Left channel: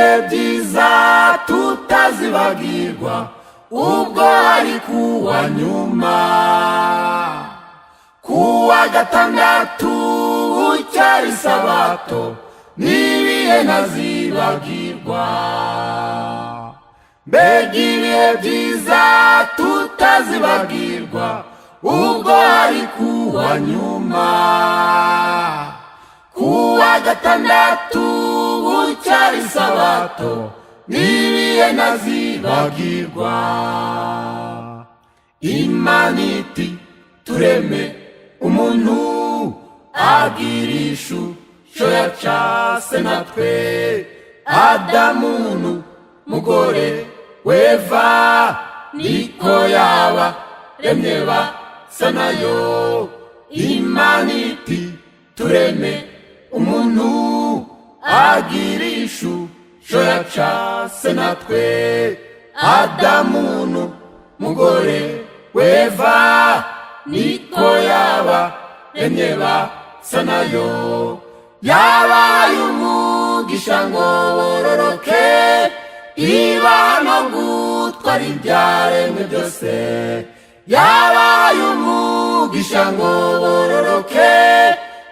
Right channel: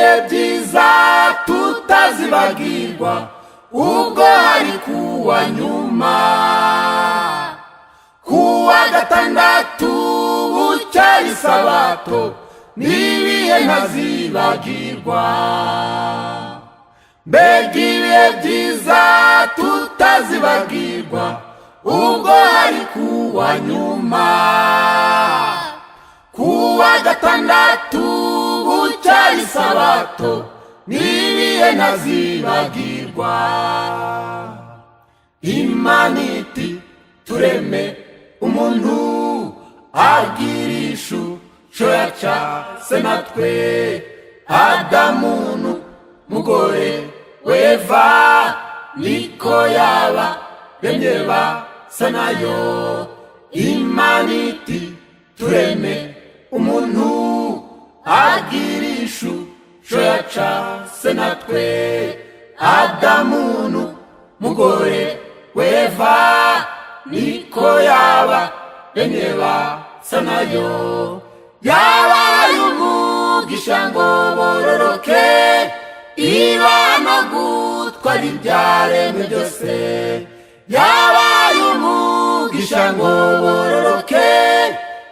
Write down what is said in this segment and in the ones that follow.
ibihe byiza tutazibagirwa ubwo hari kuwa nyuma kuwa gatandatu bucyari sabato n'ibihe ntazibagirwa mbega ibihe byiza tutazibagirwa ubwo hari kuwa nyuma kuwa gatandatu bucyari sabato n'ibihe ntazibagirwa Imana iti tureme umuntu agirisha icyo yacase natwe Adamu mugore w'Eva niko yaba remye basa nayo Imana iti tureme umuntu agirisha icyo yacase natwe Adamu mugore w'Eva niko yaba remye basa nayo yabaye umugisha ngo bororoke ibana gutwara ibyaremwe byose yabaye umugisha ngo bororoke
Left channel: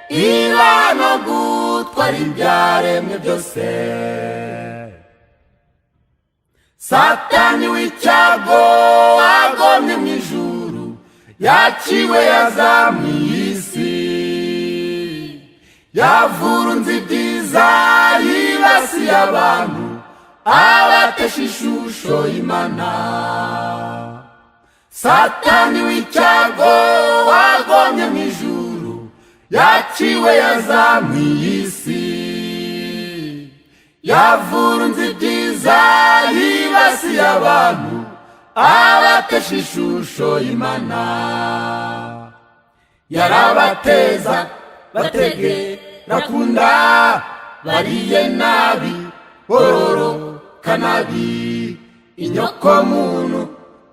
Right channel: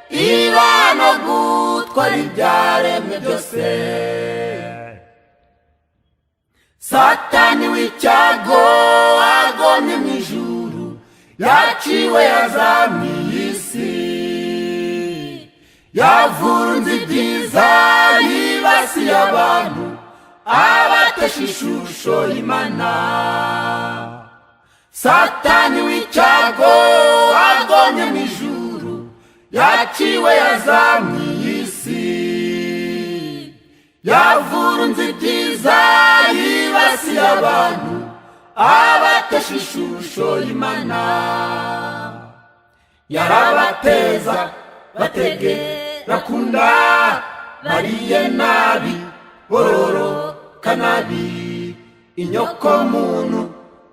ibana gutwara ibyaremwe byose Satani w'icyago agomye mu ijuru yaciwe yazamiye isi yavurunze ibyiza yibasiye abantu abatesha ishusho y'Imana Satani w'icyago agomye mu ijuru yaciwe yazamiye isi yavurunze ibyiza yibasiye abantu abatesha ishusho y'Imana yarabateza bategera kunda bariye nabi bororoka nabi inyoko muntu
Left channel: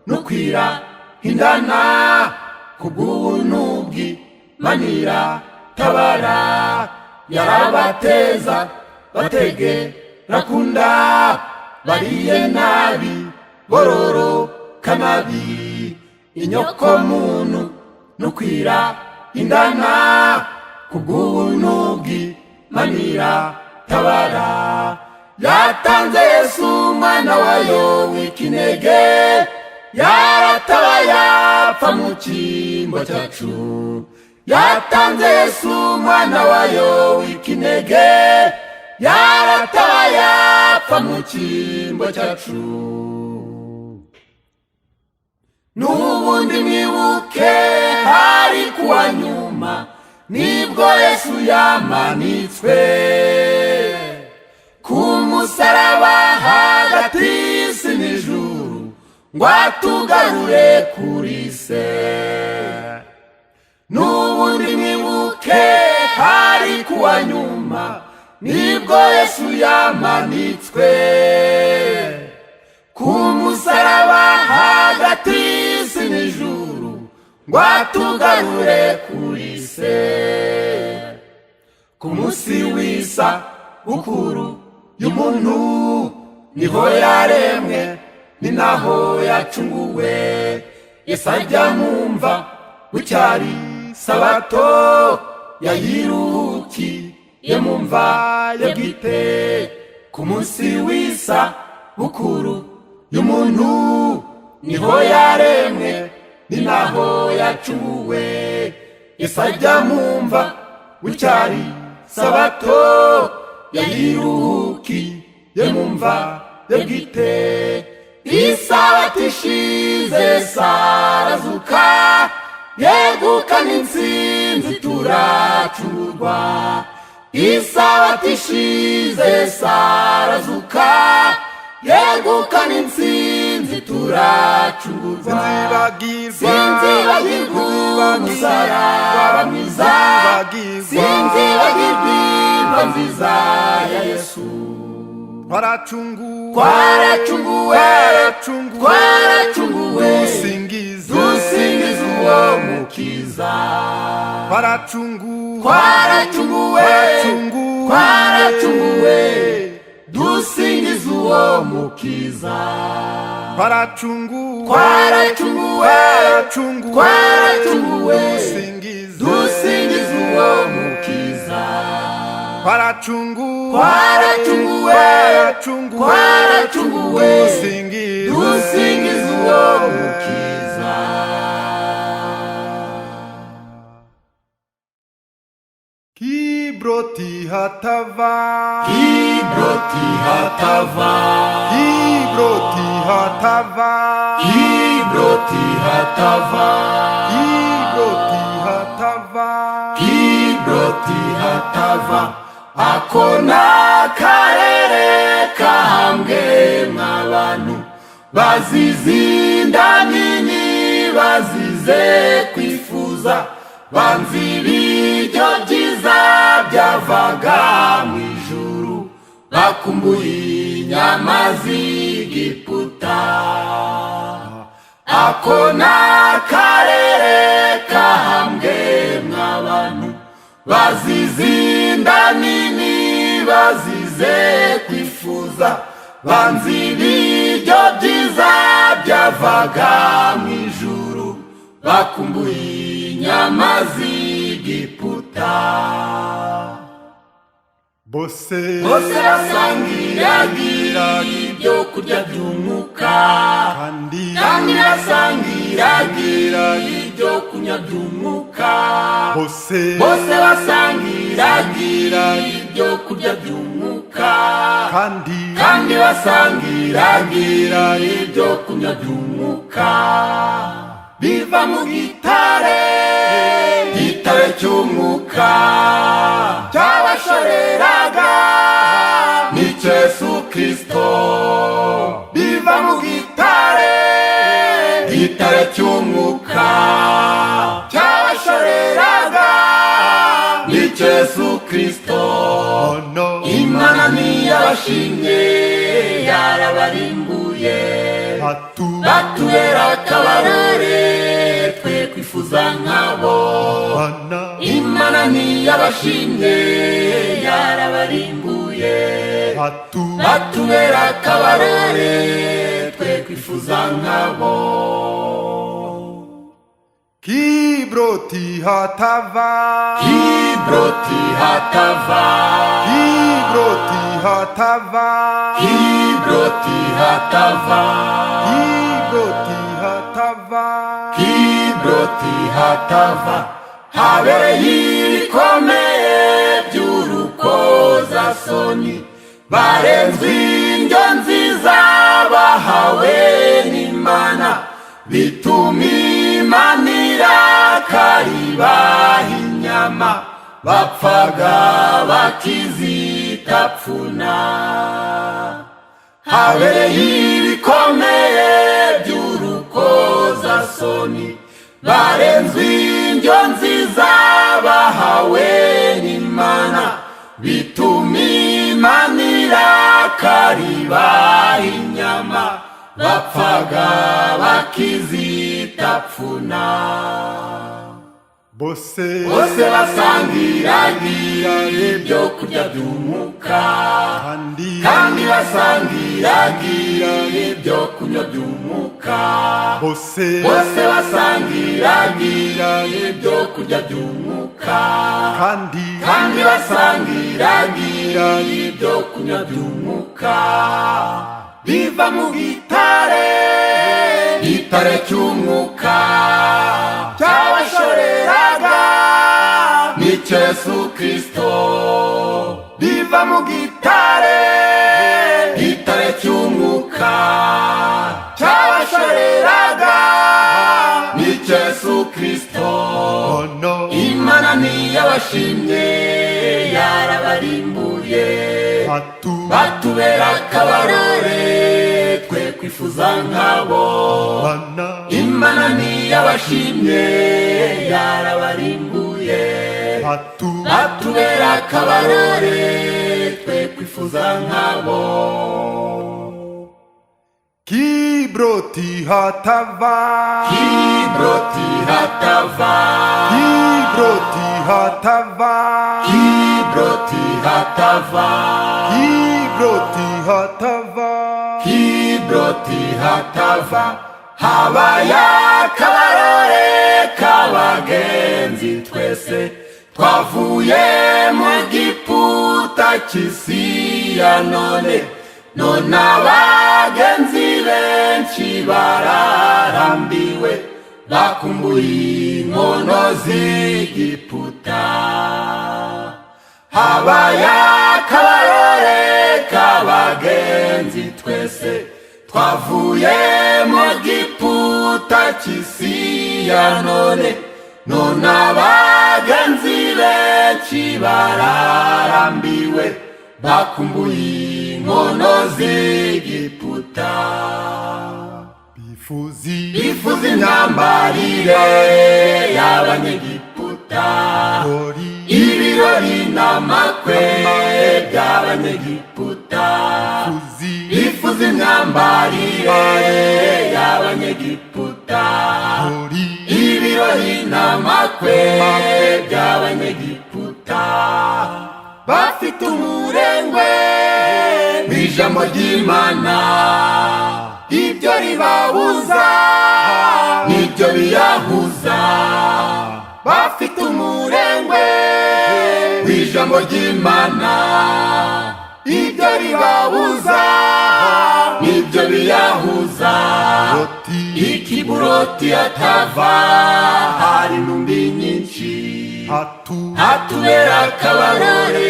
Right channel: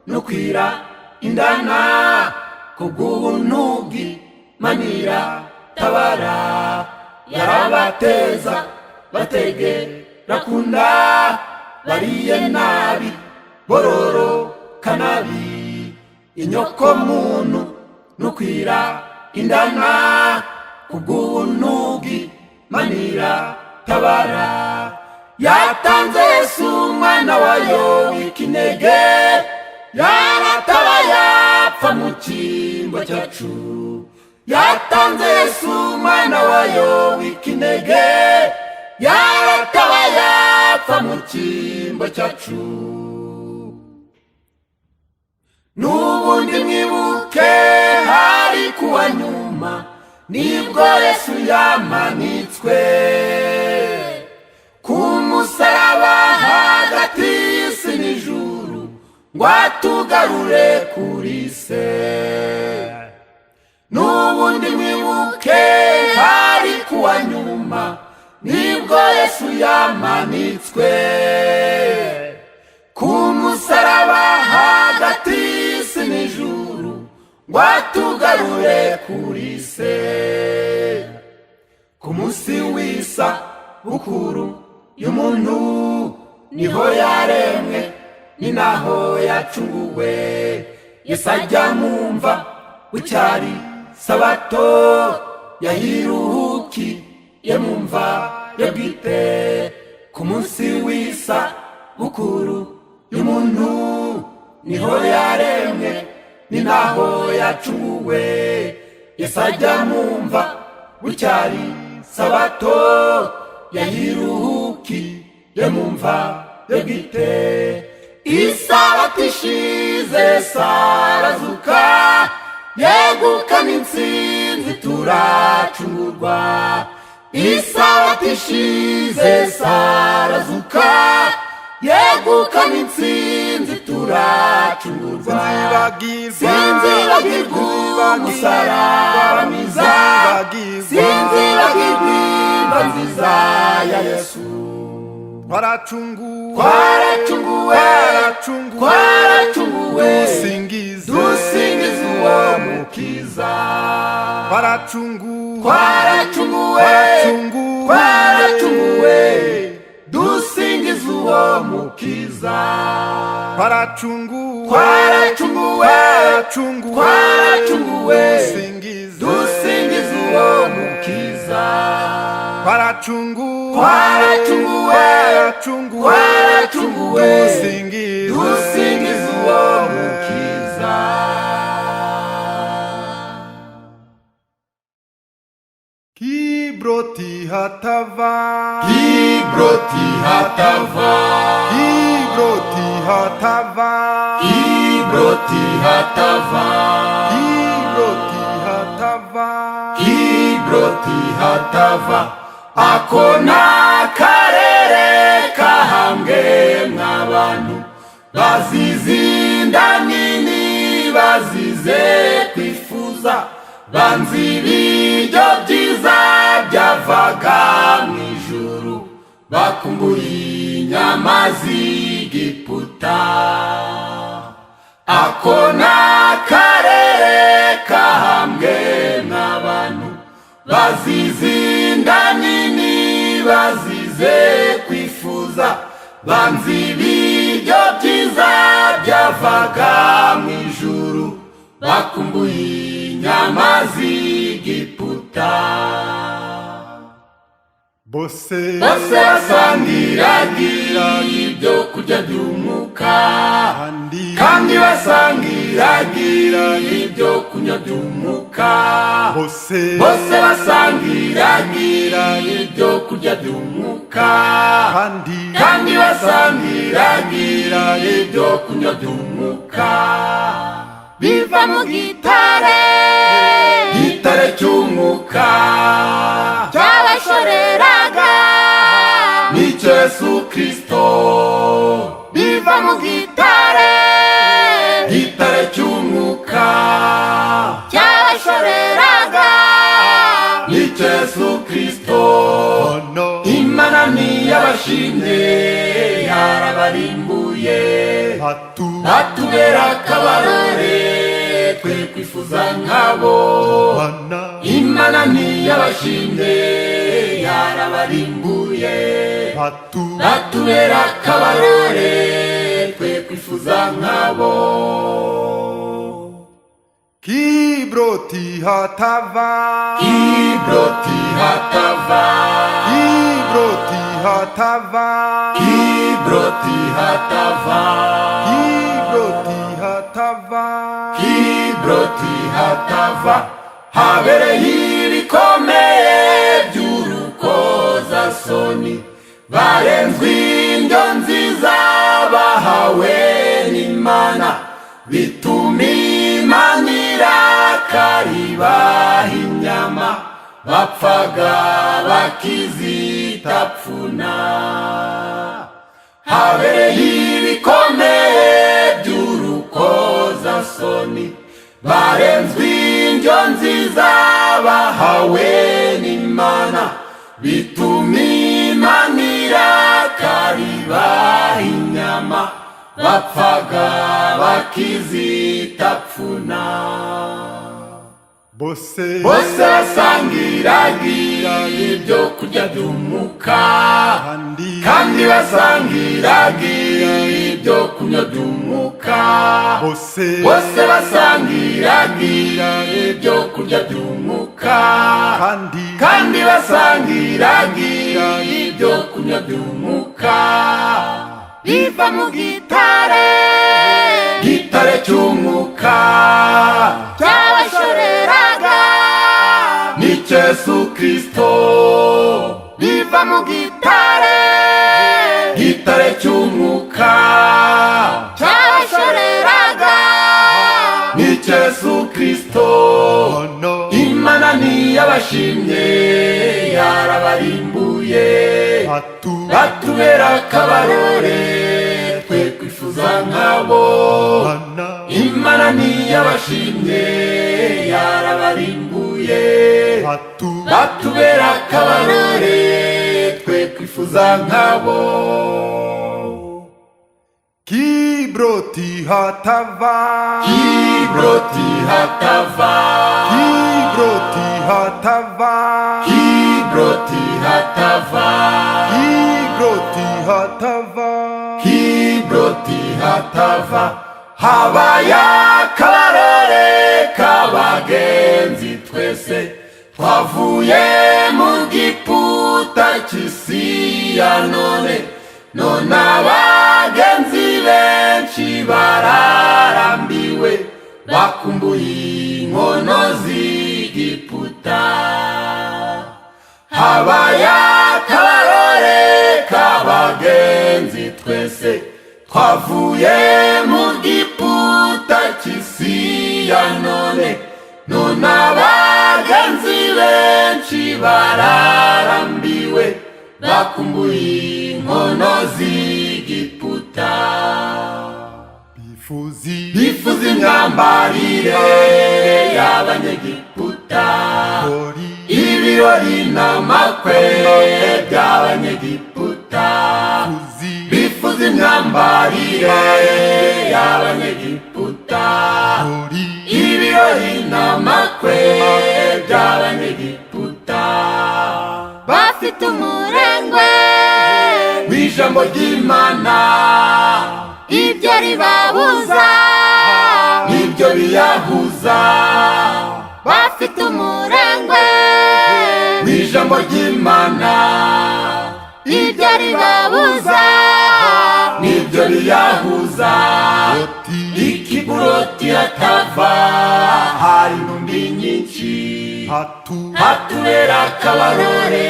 nukwira indana kubw'ubuntu bw'Imana tabara yarabateza bategera kunda bariye nabi bororoka nabi inyoko muntu nukwira indana kubw'ubuntu bw'Imana tabara yatanze Yesu umwana wayo w'ikinege yaratabaye apfa mu cyimbo cyacu yatanze Yesu umwana wayo w'ikinege yaratabaye apfa mu cyimbo cyacu n'ubundi mwibuke hari kuwa nyuma nibwo Yesu yamanitswe ku musaraba hagati y'isi n'ijuru ngo atugarure kuri se n'ubundi mwibuke hari kuwa nyuma nibwo Yesu yamanitswe ku musaraba hagati y'isi n'ijuru ngo atugarure kuri se ku munsi w'isa bukuru y'umuntu niho yaremwe ni naho yacunguwe Yesu ajya mwumva bucyari sabato yahirukiye mumva ye bwite ku munsi w'isa bukuru y'umuntu niho yaremwe ni naho yacunguwe Yesu ajya mwumva bucyari sabato yahirukiye mumva ye bwite isabato ishize sarazuka yegukana intsinzi turacungurwa isabato ishize sarazuka yegukana intsinzi turacungurwa sinzibagirwa umusaraba mwiza sinzibagirwa nziza ya Yesu Twaracunguwe dusingize uwo mukiza Twaracunguwe dusingiza uwo mukiza. Twaracunguwe, dusingiza uwo mukiza. Twaracunguwe, dusingiza uwo mukiza. Kibroti hatava, Kibroti hatava, Kibroti hatava, Kibroti hatava, Kibroti hatava, Kibroti hatava. Ako n'akarere kahambwe mw'abantu bazize inda nini, bazize kwifuza, banzi ibiryo byiza byavaga mu ijuru, bakumbuye inyama z'Egiputa. Ako n'akarere kahambwe mw'abantu bazize inda nini, bazize kwifuza, banzi ibiryo byiza byavaga mu ijuru, bakumbuye inyama z'Egiputa. bose basangiraga ibyo kurya by'umwuka, kandi basangiraga ibyo kunywa by'umwuka. bose basangiraga ibyo kurya by'umwuka, kandi basangiraga ibyo kunywa by'umwuka. Biva mu gitare cy'umwuka cyabashoreraga n'icyo Yesu Kristo. Biva mu gitare cy'umwuka cyabashoreraga n'icyo Yesu Kristo. Imana ntiyabashimye, yarabarimbuye, batubera akabarore twe kwifuza nkabo. Imana ntiyabashimye, yarabarimbuye, batubera akabarore twe kwifuza nkabo. Kibroti hatava, Kibroti hatava, Kibroti hatava, Kibroti hatava, Kibroti hatava, Kibroti hatava. Habereye ibikomeye by'urukozasoni, barenzwe indyo nziza bahawe n'Imana, bituma Imana irakaribaha inyama, bapfaga bakizitapfuna. Habereye ibikomeye by'urukozasoni, barenzwe indyo nziza bahawe n'Imana, bituma Imana irakaribaha inyama, bapfaga bakizitapfuna. bose basangiraga ibyo kurya by'umwuka, kandi basangiraga ibyo kunywa by'umwuka. bose basangiraga ibyo kurya by'umwuka, kandi basangiraga ibyo kunywa by'umwuka. Biva mu gitare cy'umwuka cyabashoreraga n'icyo Yesu Kristo. Biva mu gitare cy'umwuka cyabashoreraga n'icyo Yesu Kristo. Imana ntiyabashimye, yarabarimbuye, batubera akabarore twe kwifuza nkabo. Imana ntiyabashimye, yarabarimbuye, batubera akabarore twe kwifuza nkabo. Kibroti hatava, Kibroti hatava, Kibroti hatava, Kibroti hatava, Kibroti Kibroti hatava, Kibroti hatava, habaye akabarore k'abagenzi twese twavuye mu giputa cy'isi ya none abagenzi benshi bararambiwe bakumbuye inkono z'igiputa. Habaye akabarore k'abagenzi twese twavuye mu giputa cy'isi ya none abagenzi benshi bararambiwe bakumbuye inkono z'igiputa. bifuza imyambarire y'abanyegiputa, ibirori n'amakwe by'abanyegiputa. bifuza imyambarire y'abanyegiputa, ibirori n'amakwe by'abanyegiputa. Bafite umurengwe w'ijambo ry'Imana, ibyo ribabuza nibyo biyahuza. Bafite umurengwe w'ijambo ry'Imana, ibyo ribabuza nibyo biyahuza. Ikiburoti hatava, hari intumbi nyinshi, hatubera akabarore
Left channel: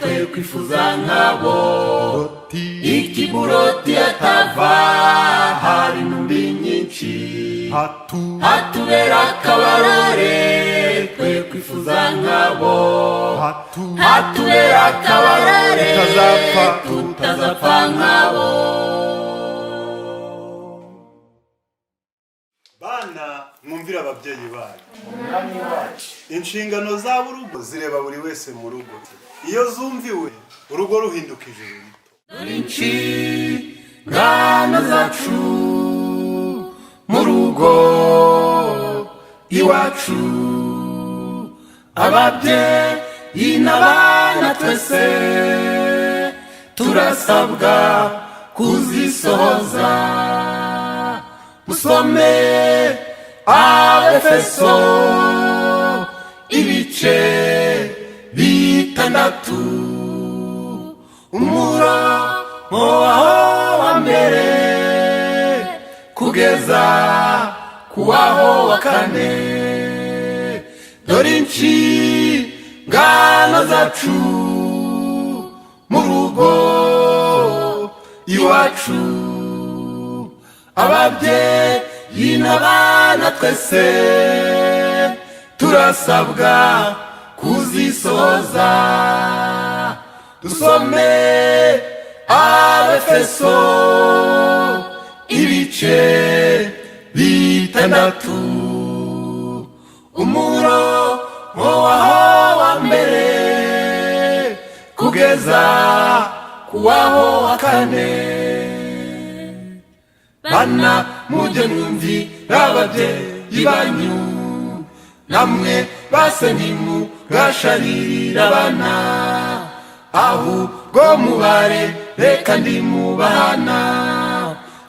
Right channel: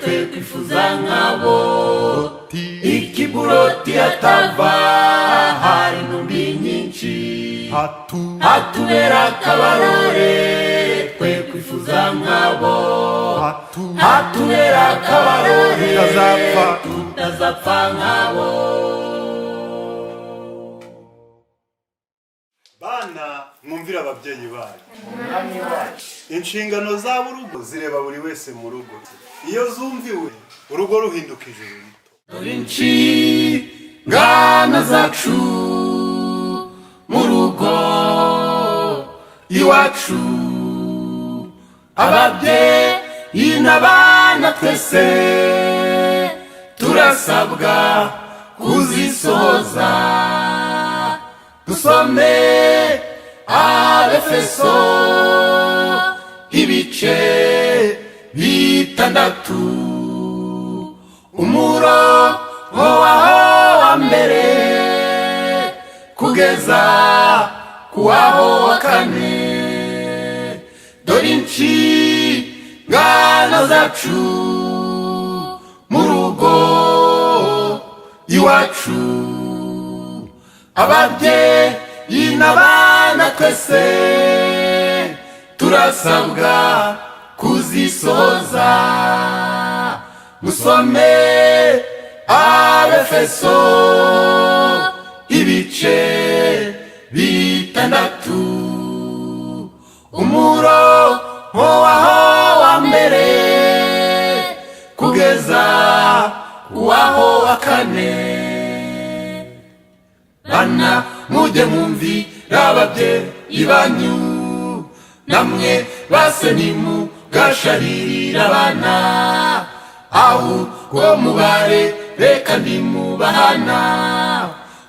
twe kwifuza nkabo. Ikiburoti hatava, hari intumbi nyinshi, hatubera akabarore twe kwifuza nkabo. Hatubera akabarore tutazapfa nkabo. Bana mwumvira ababyeyi banyu, inshingano za burugo zireba buri wese mu rugo. Iyo zumviwe urugo ruhinduka ijuru rito. Dore inshingano zacu mu rugo iwacu, ababyeyi n'abana twese turasabwa kuzisohoza. Dusome Abefeso ibice 6, umurongo wa mbere kugeza kuwaho wa 4. Dore inshingano zacu mu rugo iwacu, ababyeyi n'abana twese turasabwa kuzisohoza. Dusome Abefeso ibice 6, umurongo wa mbere kugeza kuwaho wa 4. Bana mujye mwumvira ababyeyi banyu, namwe base ntimugasharirira abana, ahubwo mubareke ndimubahana.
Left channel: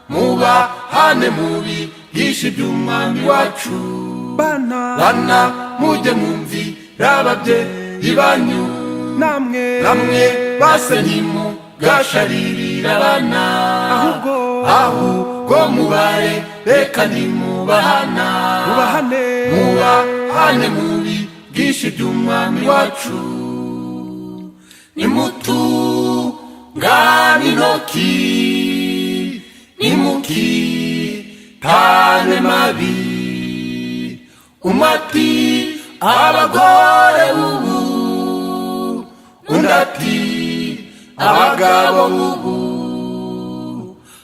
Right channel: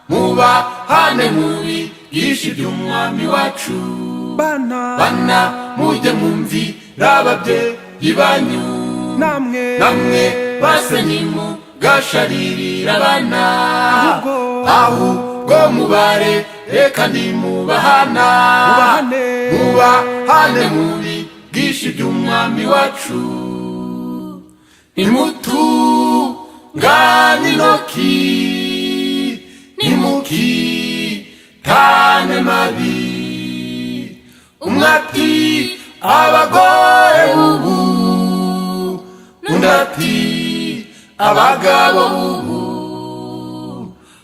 Mubahane mubigishe iby'umwami wacu. Bana mujye mwumvira ababyeyi banyu, namwe base ntimugasharirira abana, ahubwo mubareke ndimubahana. Mubahane mubigishe iby'umwami wacu. Nimutungane intoki, nimukitane mabi. Umwe ati abagore b'ubu, undi ati abagabo b'ubu.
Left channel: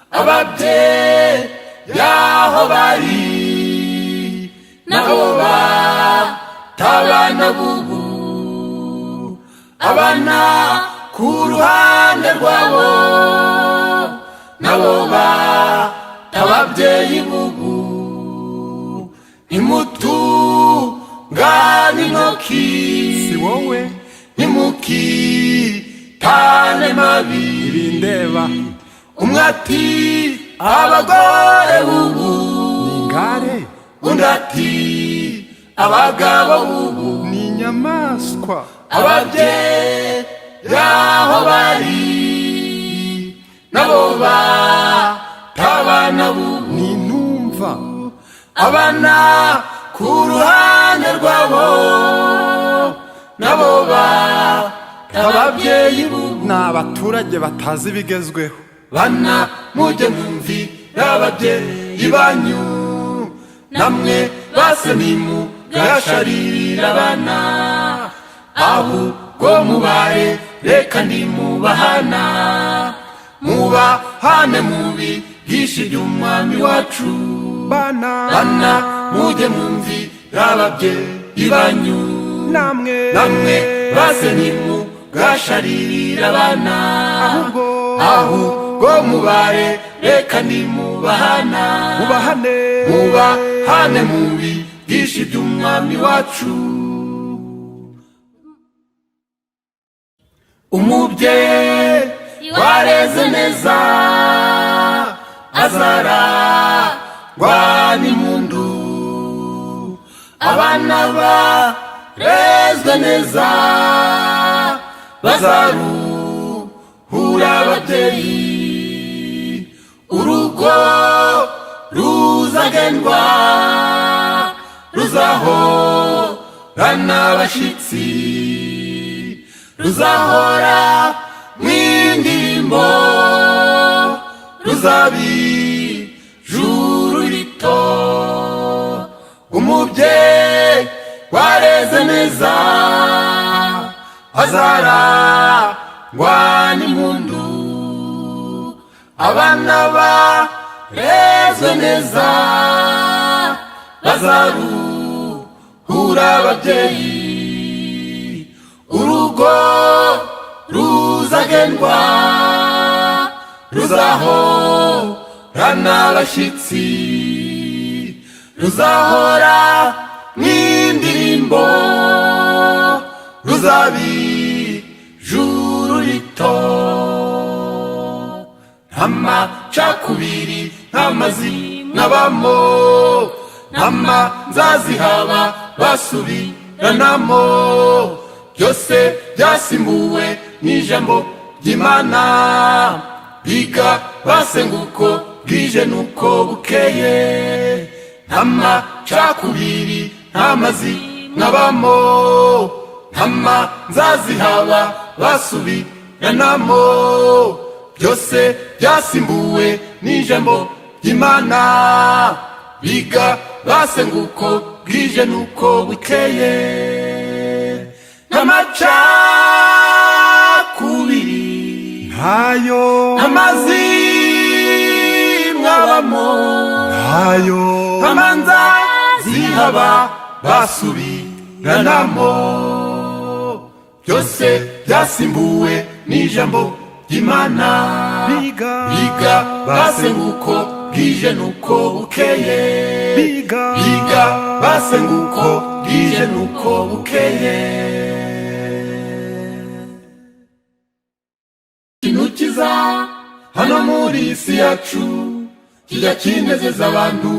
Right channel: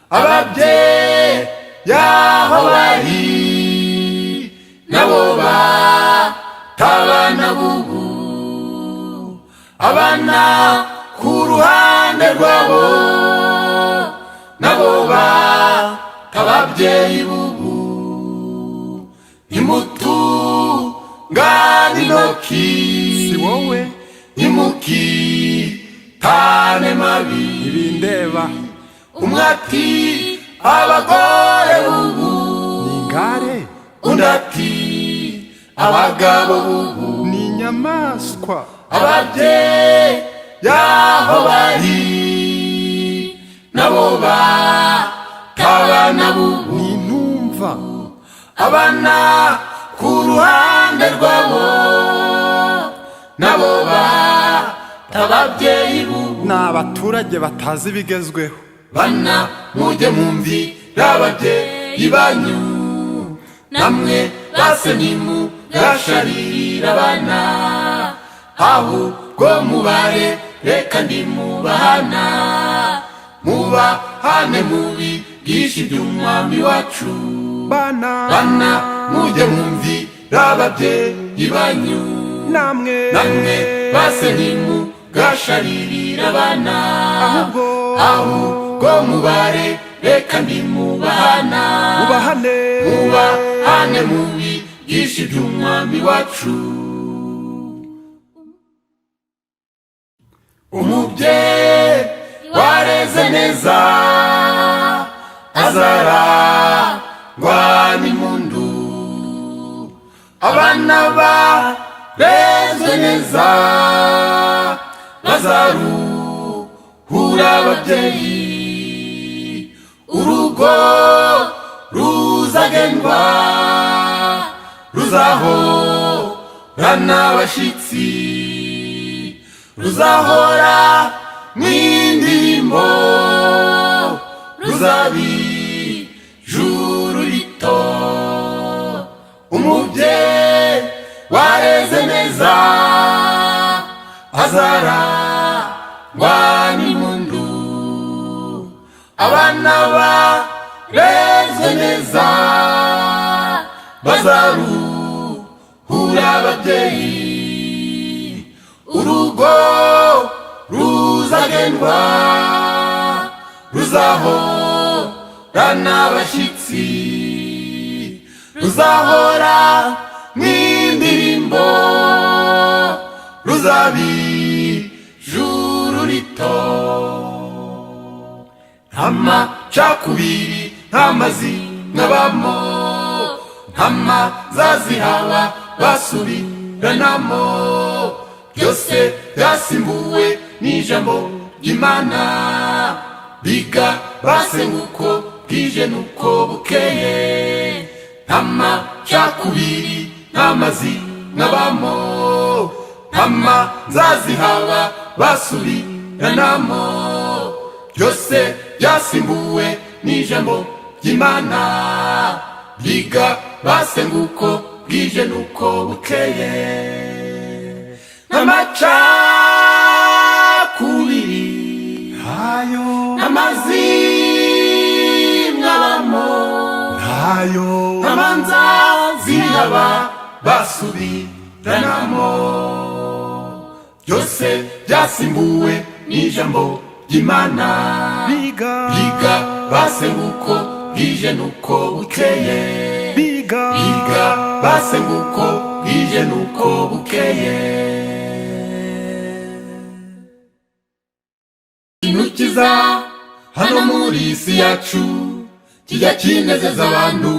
Ababyeyi aho bari nabo batabana b'ubu, abana ku ruhande rwabo nabo batababyeyi b'ubu. Nimutungane intoki, si wowe nimukitane mabi. ntibindeba. umwe ati abagore ubu ni ingare, undi ati abagabo ubu ni inyamaswa. ababyeyi yaho bari nabo batabana bubu ni intumva. abana ku ruhande rwabo nabo batababyeyi bubu ni abaturage batazi ibigezweho. bana mujye mumvira ababyeyi banyu namwe base ntimugasharira abana ahubwo mubare reka nimubahana mubahane mubigishe iby'umwami wacu. Bana mujye mumvira ababyeyi banyu namwe base ntimugasharirira abana ahubwo mubare reka nimubahana mubahane mubigishe iby'umwami wacu. umubyeyi wareze neza azarangwa n'impundu abana barezwe neza bazaruhura ababyeyi urugo ruzagendwa ruzahorana abashyitsi ruzahora mw'indirimbo ruzabijuru rito. umubyeyi wareze neza azarangwa n'impundu abana barezwe neza bazaruhura ababyeyi urugo ruzagendwa ruzahorana abashyitsi ruzahora n'indirimbo ruzabijuru rito. nta macakubiri nta mazimwe abamo nta manzazi haba basubiranamo byose byasimbuwe n'ijambo ry'Imana biga basenguko bwije nuko bukeye nta macakubiri nta mazimwe abamo nta manzazi haba basubiranamo byose byasimbuwe n'ijambo ry'Imana biga basenguko bwije nuko bukeye n'amacakubiri ntayo n'amazimwe abamo ntayo n'amanzazi haba basubiranamo byose byasimbuwe n'ijambo ry'Imana biga basenguko bwije nuko bukeye biga basenguko bwije nuko bukeye. ikintu kiza hano muri isi yacu kijya kinezeza abantu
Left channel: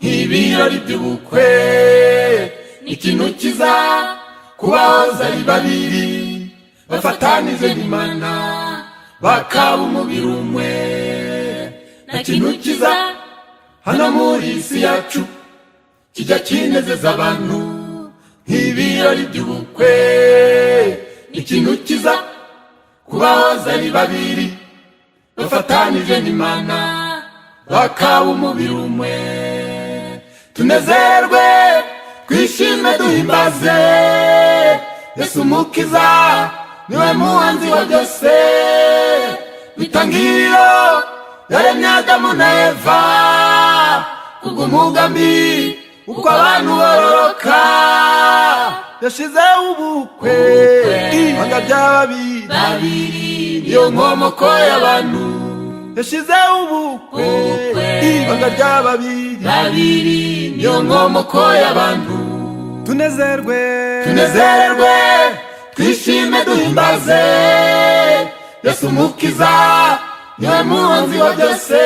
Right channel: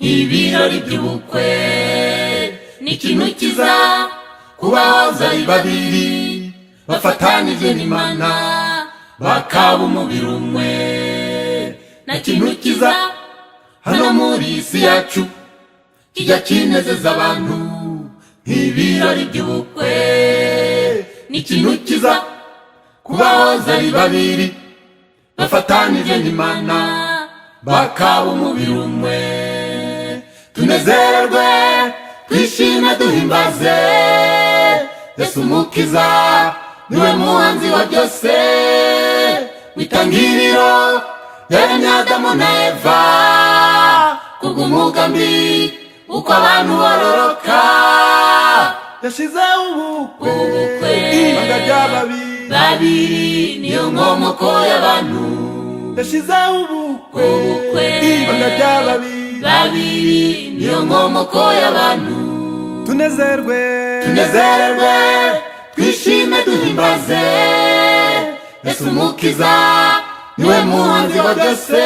nk'ibirori by'ubukwe ni ikintu kiza kubahoza ari babiri bafatanije n'Imana bakaba umubiri umwe. na kintu kiza hano muri isi yacu kijya kinezeza abantu nk'ibirori by'ubukwe ni ikintu kiza kubahoza ari babiri bafatanije n'Imana bakaba umubiri umwe. tunezerwe twishime duhimbaze Yesu umukiza niwe muhanzi wa byose witangiriro yaremye Adamu na Eva kubw'umugambi uko abantu bororoka yashizeho ubukwe ibanga babiri niyo nkomoko y'abantu yashizeho ubukwe ibanga babiri niyo nkomoko y'abantu. tunezerwe twishime duhimbaze Yesu Mukiza niwe muhanzi wa byose,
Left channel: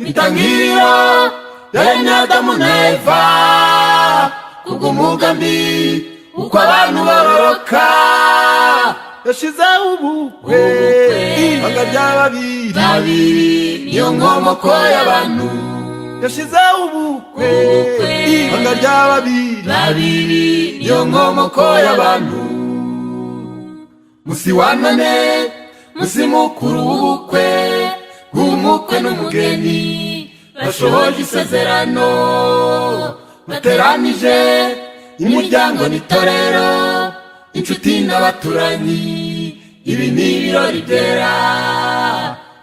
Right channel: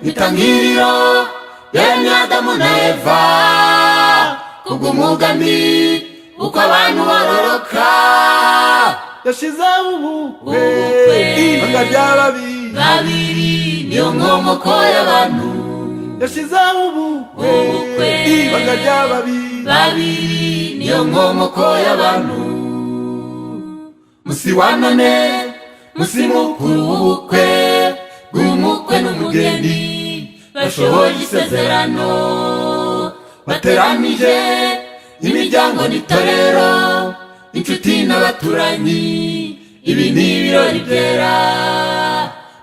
itangiriro yaremye Adamu na Eva, kubw'umugambi uko abantu bororoka. Yashizeho ubukwe ibanga ry'ababiri niyo nkomoko y'abantu. Yashizeho ubukwe ibanga ry'ababiri niyo nkomoko y'abantu. Musi wa none, musi mukuru w'ubukwe bw'umukwe n'umugeni, bashohoje isezerano, bateranije imiryango n'itorero, inshuti n'abaturanyi, ibi ni ibirori byera.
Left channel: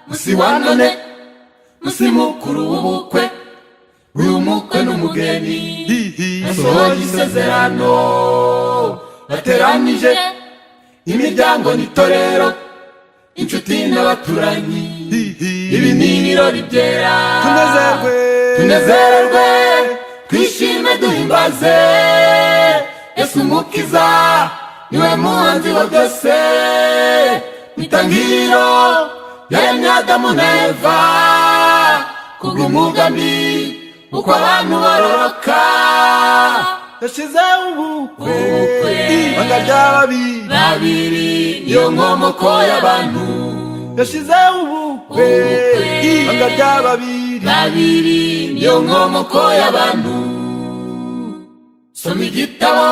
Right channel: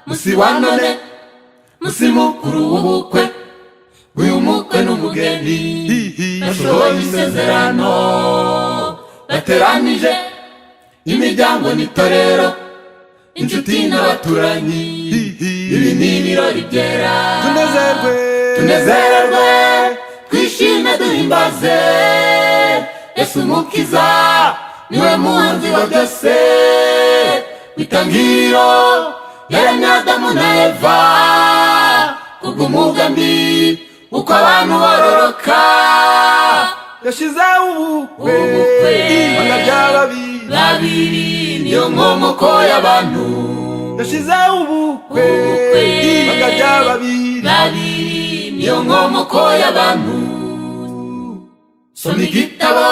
Musi wa none, musi mukuru w'ubukwe bw'umukwe n'umugeni, bashohoje isezerano, bateranije imiryango n'itorero, inshuti n'abaturanyi, ibi ni ibirori byera. Tunezerwe twishime duhimbaze, Yesu Mukiza niwe muhanzi wa byose, itangiriro yaremye Adamu na Eva, kubw'umugambi uko abantu bororoka. Yashizeho ubukwe ibanga ry'ababiri niyo nkomoko y'abantu. Yashizeho ubukwe ibanga ry'ababiri niyo nkomoko y'abantu. Soma igitabo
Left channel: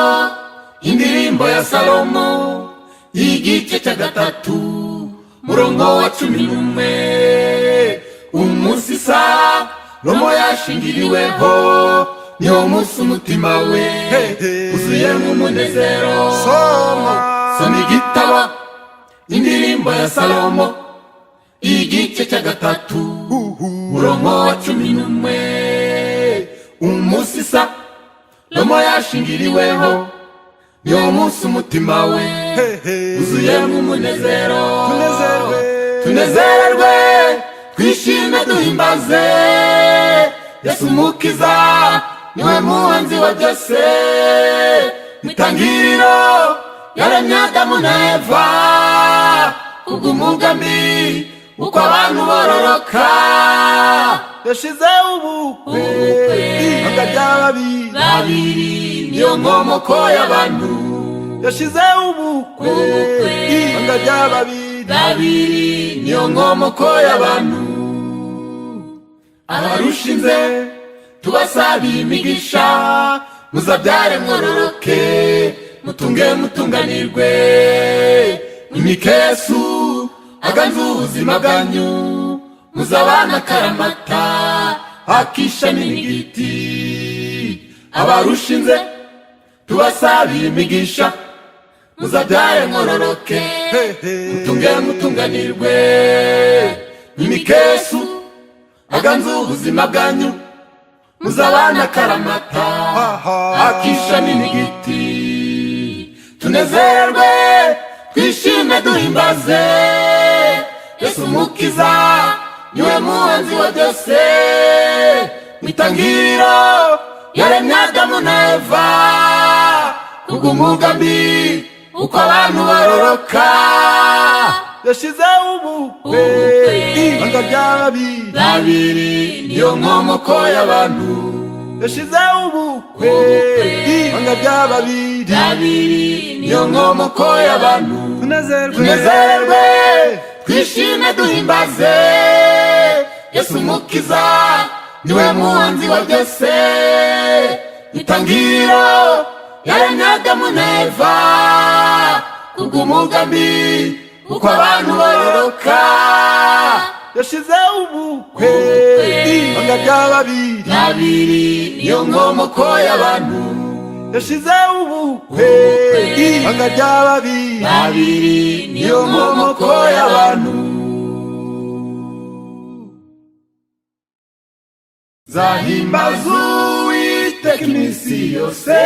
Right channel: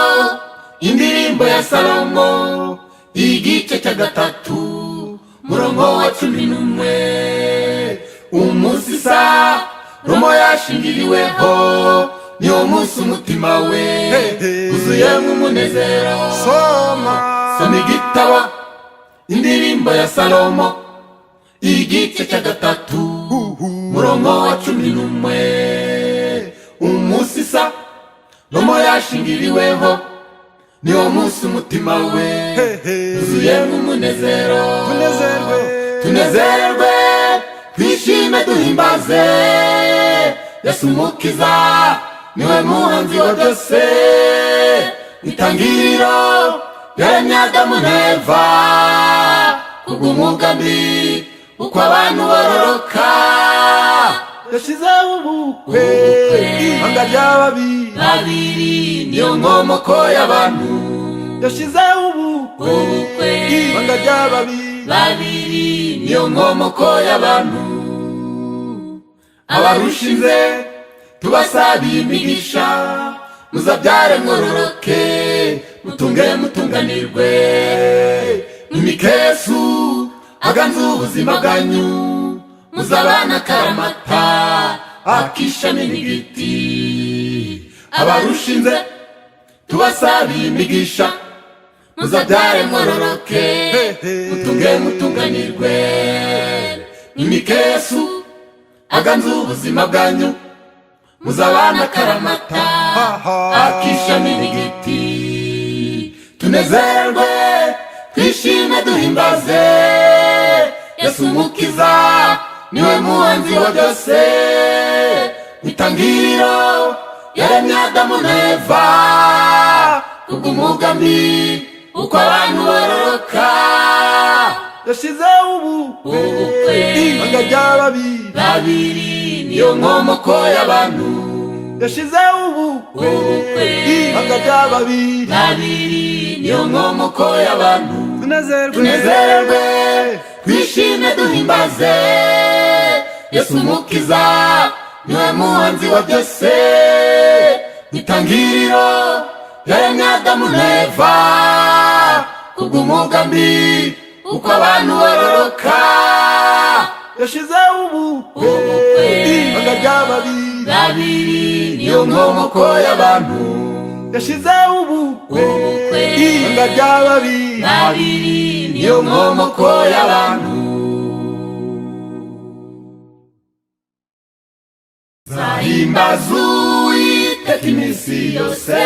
indirimbo ya Salomo, igice cya 3 murongo wa 11. Umunsi Salomo yashingiriweho, niwo munsi umutima we uzuyemo umunezero. Soma igitabo indirimbo ya Salomo, igice cya 3 murongo wa 11. Umunsi Salomo yashingiriweho, niwo munsi umutima we uzuyemo umunezero. Tunezerwe twishime duhimbaze, Yesu Mukiza niwe muhanzi wa byose, itangiriro yaremye Adamu na Eva, kubw'umugambi uko abantu bororoka. Yashizeho ubukwe ibanga ry'ababiri niyo nkomoko y'abantu. Yashizeho ubukwe ibanga ry'ababiri niyo nkomoko y'abantu. Abarushinze tubasabiye imigisha, muzabyare mwororoke, mutunge mutunganirwe, imikesu aganze ubuzima bwanyu, muzabana karamata akisha n'ibigiti. Abarushinze tubasabiye imigisha, muzabyare mwororoke, mutunge mutunganirwe, imikesu aganze ubuzima bwanyu, muzabana karamata akisha n'ibigiti. Tunezerwe twishime duhimbaze, Yesu Mukiza niwe muhanzi wa byose, itangiriro yaremye Adamu na Eva, kubw'umugambi uko abantu bororoka. Yashizeho ubukwe ibanga ry'ababiri niyo nkomoko y'abantu. Yashizeho ubukwe ibanga ry'ababiri niyo nkomoko y'abantu. Tunezerwe twishime duhimbaze, Yesu Mukiza niwe muhanzi wa byose, itangiriro yaremye Adamu na Eva, kubw'umugambi uko abantu bororoka. Yashizeho ubukwe ibanga ry'ababiri niyo nkomoko y'abantu. Yashizeho ubukwe ibanga ry'ababiri niyo nkomoko y'abantu. Zahimbaza Uwiteka iminsi yose,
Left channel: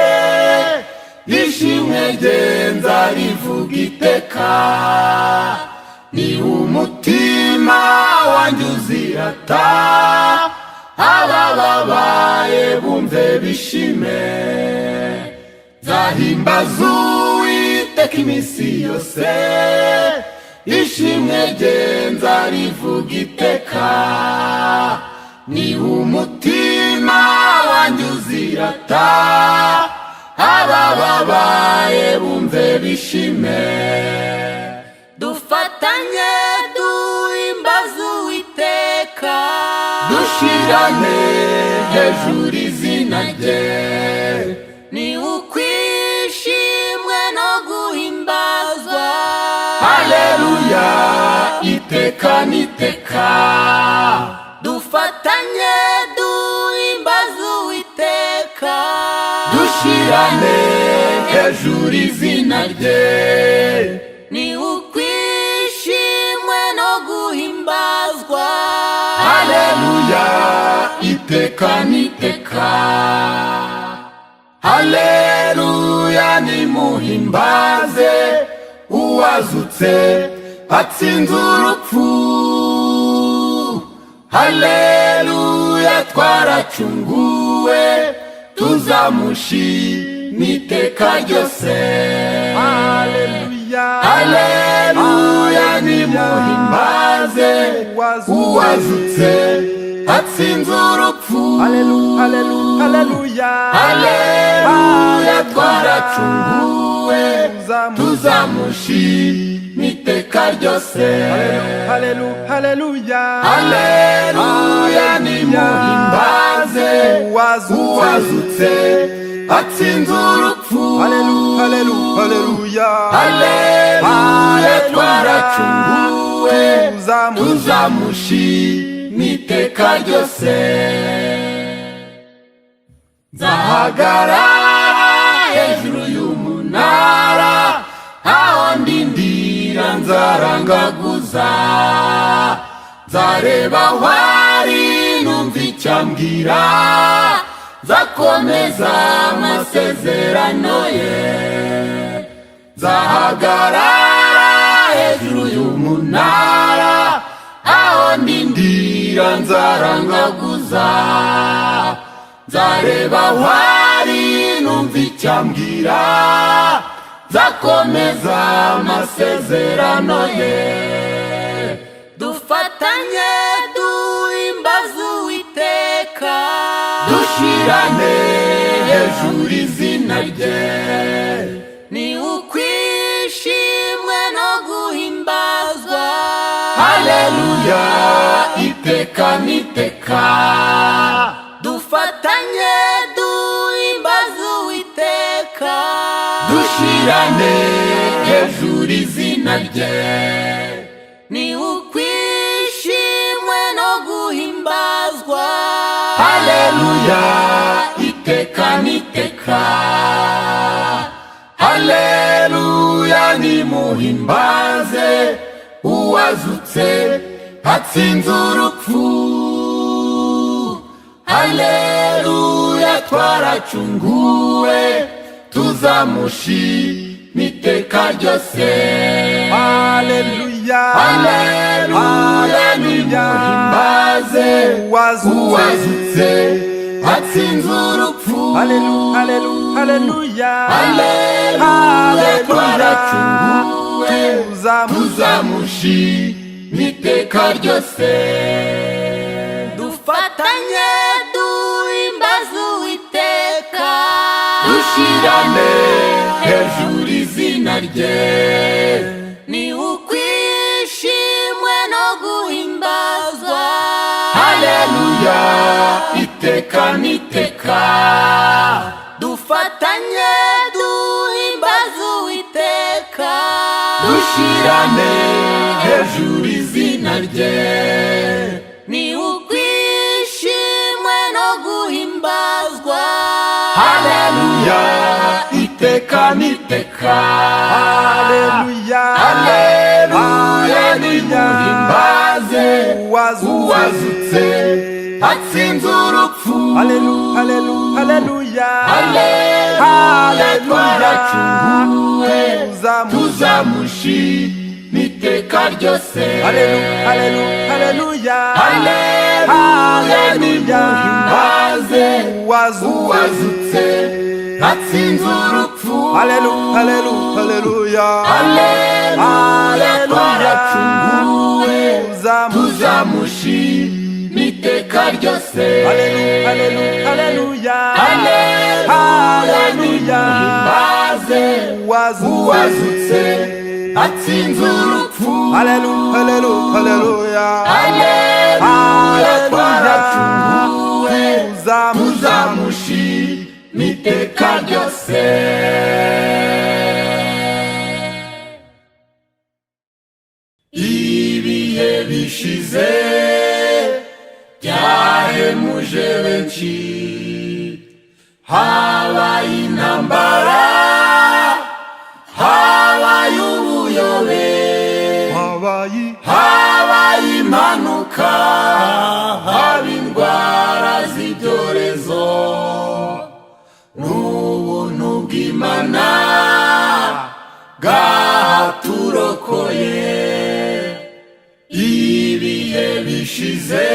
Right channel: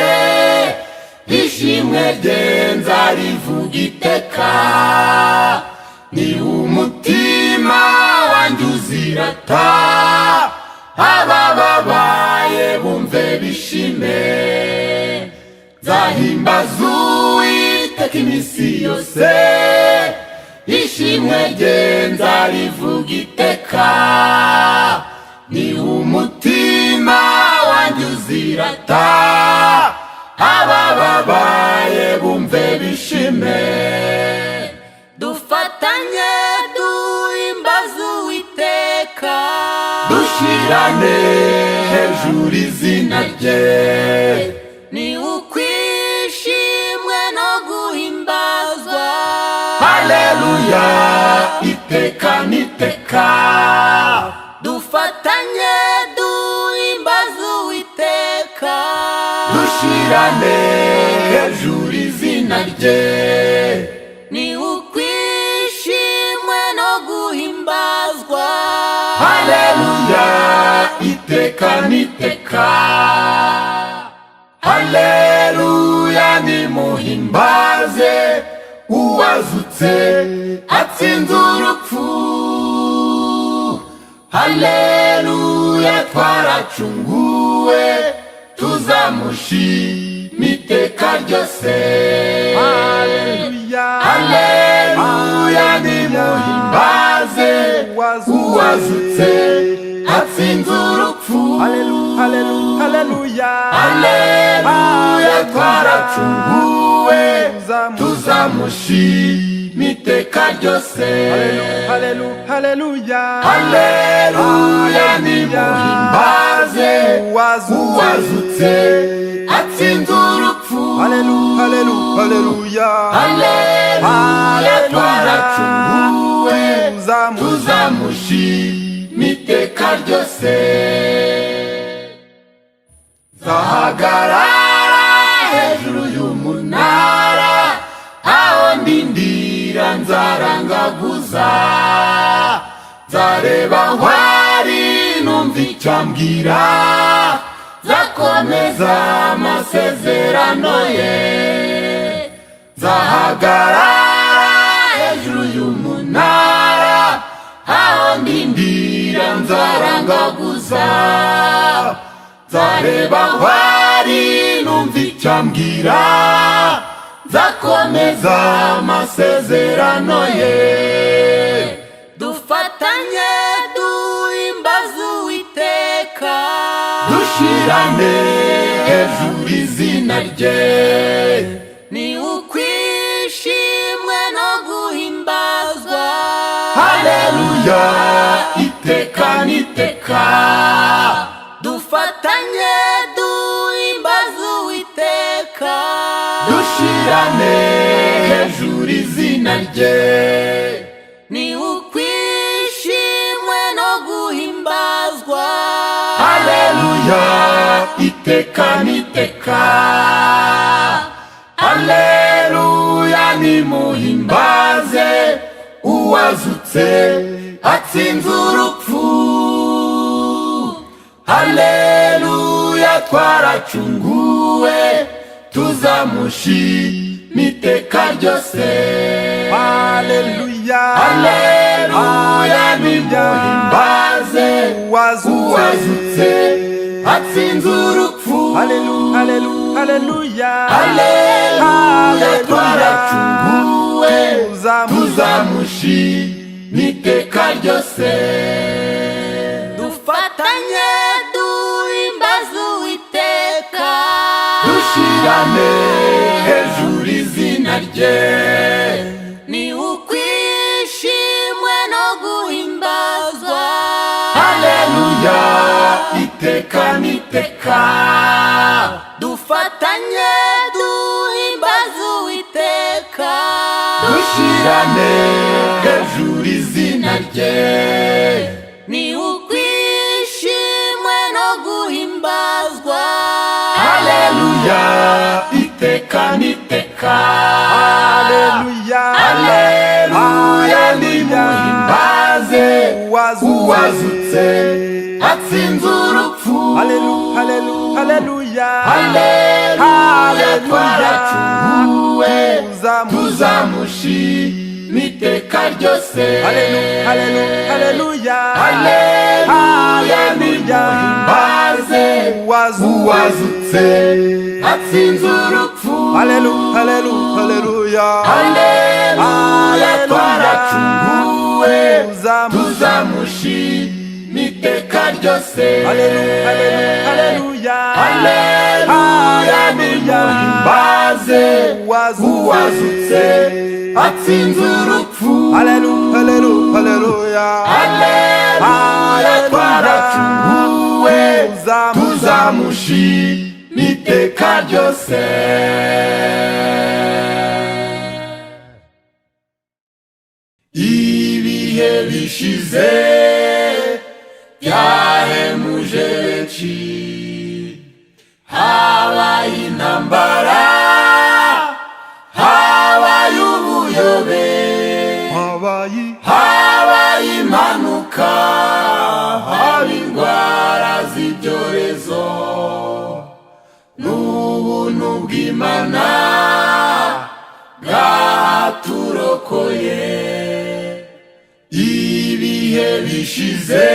ishimwe rye nzarivuga iteka, ni umutima wanjye uzirata, abababaye bumve bishime. Zahimbaza Uwiteka iminsi yose, ishimwe genza rivuga iteka, ni umutima wanyuzirata, abababaye bumve bishime. Dufatanye duhimbaza Uwiteka, dushirane hejuru izina rye, ni ukwishimwe no guhimbazwa. Haleluya, iteka niteka. Dufatanye duhimbaza Uwiteka, dushirane hejuru izina rye, ni ukwishimwe no guhimbazwa. Haleluya, iteka niteka. Haleluya, nimuhimbaze uwazutse atsinze urupfu. Haleluya, twaracunguwe tuzamushima iteka ryose. Haleluya, haleluya, nimuhimbaze uwazutse atsinze urupfu. haleluya, haleluya, haleluya, twaracunguwe tuzamushima iteka ryose. haleluya, haleluya, haleluya, nimuhimbaze uwazutse atsinze urupfu. haleluya, haleluya, haleluya, twaracunguwe tuzamushima iteka ryose. Nzahagarara hejuru y'umunara, aho ndindira nzarangaguza, nzareba wari numva icyo ambwira, nzakomeza amasezerano ye. Nzahagarara hejuru y'umunara, aho ndindira nzarangaguza, nzareba wari numva icyo ambwira, nzakomeza amasezerano ye. Dufatanye duhimbaza Uwiteka, dushirane hejuru izina rye, ni ukwishimwe no guhimbazwa. Haleluya, iteka niteka. Dufatanye duhimbaza Uwiteka, dushirane hejuru izina rye, ni ukwishimwe no guhimbazwa. Haleluya, iteka niteka. Haleluya, nimuhimbaze uwazutse atsinze urupfu. Haleluya, twaracunguwe tuzamushima iteka ryose. haleluya, haleluya, nimuhimbaze uwazutse atsinze urupfu. haleluya, haleluya, haleluya, twaracunguwe tuzamushima iteka ryose. Dufatanye duhimbaza Uwiteka, dushirane hejuru izina rye, ni ukwishimwe no guhimbazwa. Haleluya, iteka niteka. Dufatanye duhimbaza Uwiteka, dushirane hejuru izina rye, ni ukwishimwe no guhimbazwa. Haleluya, iteka niteka. haleluya, haleluya, nimuhimbaze uwazutse atsinze urupfu. haleluya, haleluya, haleluya, twaracunguwe tuzamushima iteka ryose. haleluya, haleluya, haleluya, nimuhimbaze uwazutse atsinze urupfu. haleluya, haleluya, haleluya, haleluya, tuzamushima iteka ryose. Haleluya, haleluya, haleluya, nimbaze uwazutse atsinze urupfu. Haleluya, haleluya, haleluya, tuzamushima iteka ryose. Ibihe bishize byahemuje benshi, habaye intambara, habaye ubuyobe, habaye impanuka, haba indwara z'ibyorezo. N'ubuntu bw'Imana bwaturokoye. Ibihe bishize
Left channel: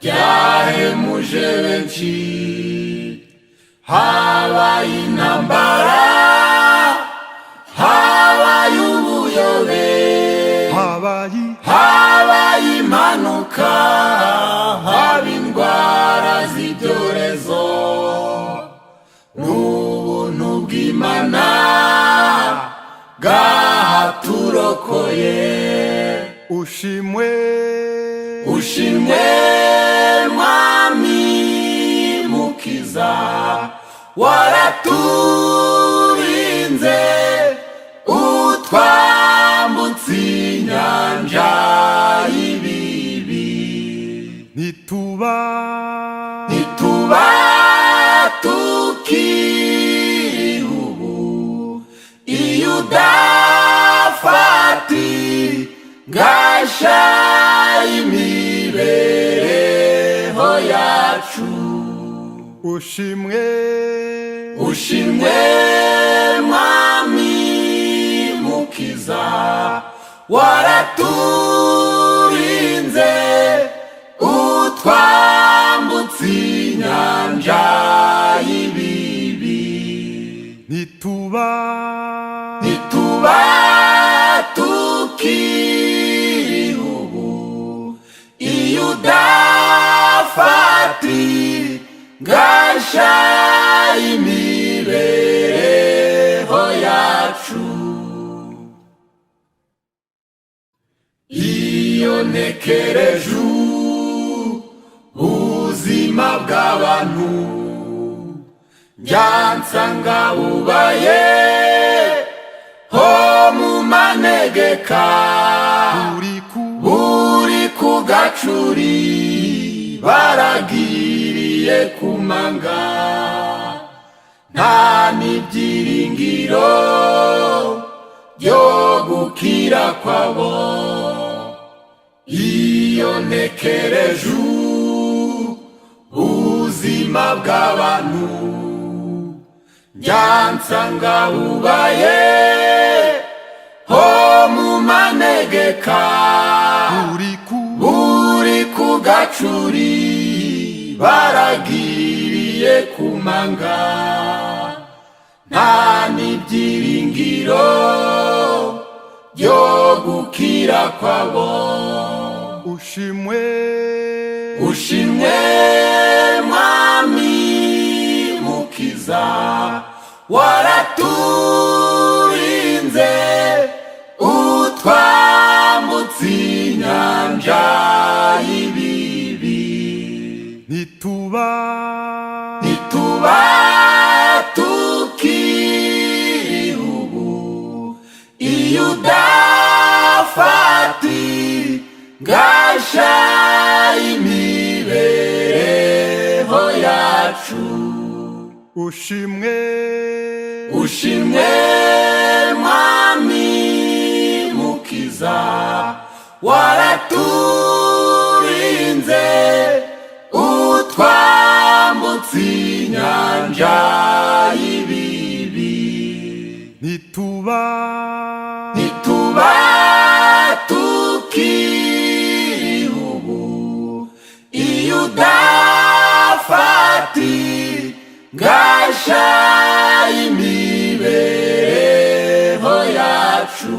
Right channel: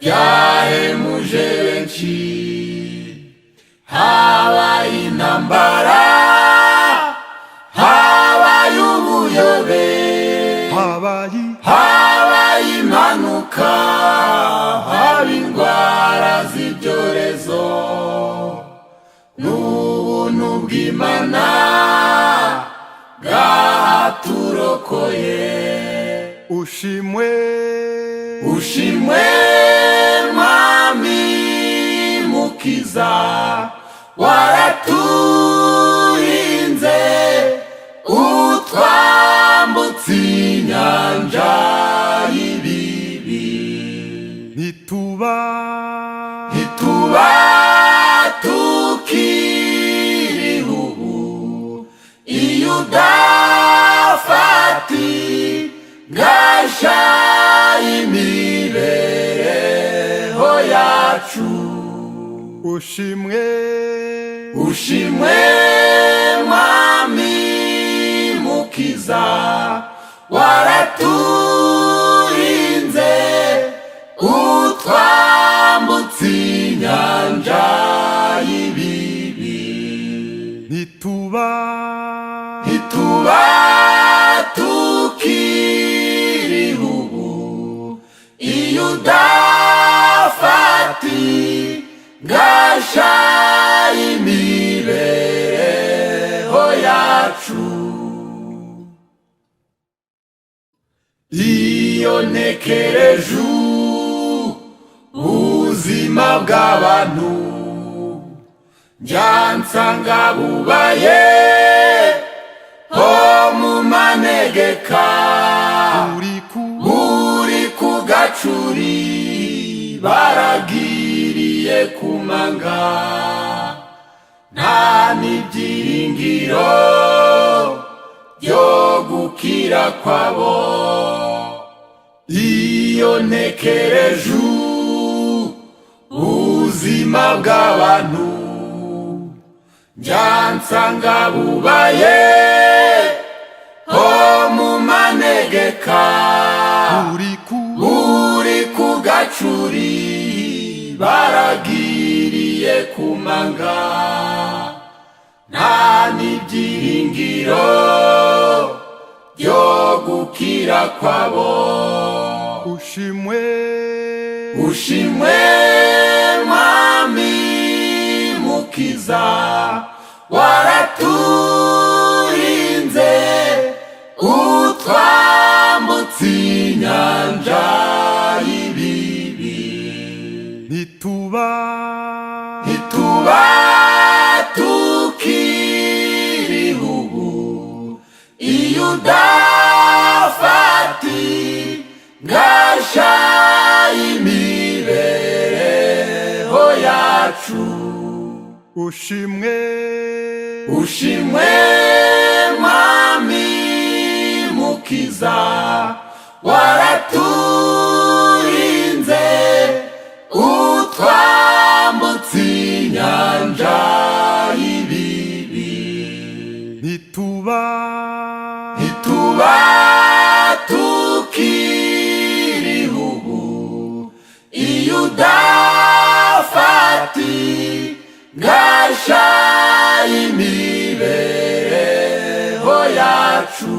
byahemuje benshi, habaye intambara, habaye ubuyobe, habaye impanuka, haba indwara z'ibyorezo. N'ubuntu bw'Imana bwaturokoye. ushimwe ushimwe mwami mukiza, waraturinze utwambutse inyanja y'ibibi. ntituba tukiri ubu iyo udafati gasha imibereho yacu. ushimwe mwami mukiza, waraturinze utwambutse inyanja y'ibibi. ntituba tukiri ubu iyo udafati gasha imibereho yacu. Iyo ntekereje ubuzima bw'abantu, njya nsanga bubaye ho mu manegeka, uri ku gacuri baragiriye kumanga. Nta n'ibyiringiro byo gukira kwabo. Iyo ntekereje ubuzima bw'abantu, njya nsanga bubaye ho mu manegeka, uri ku gacuri baragiriye kumanga. Nta n'ibyiringiro byo gukira kwabo. ushimwe mwami mukiza, waraturinze utwambutse inyanja y'ibibi. ntituba tukiri ubu iyo udafati gasha imibereho yacu. ushimwe mwami mukiza, waraturinze utwambutse inyanja y'ibibi. ntituba tukiri ubu iyo udafati gasha imibereho yacu.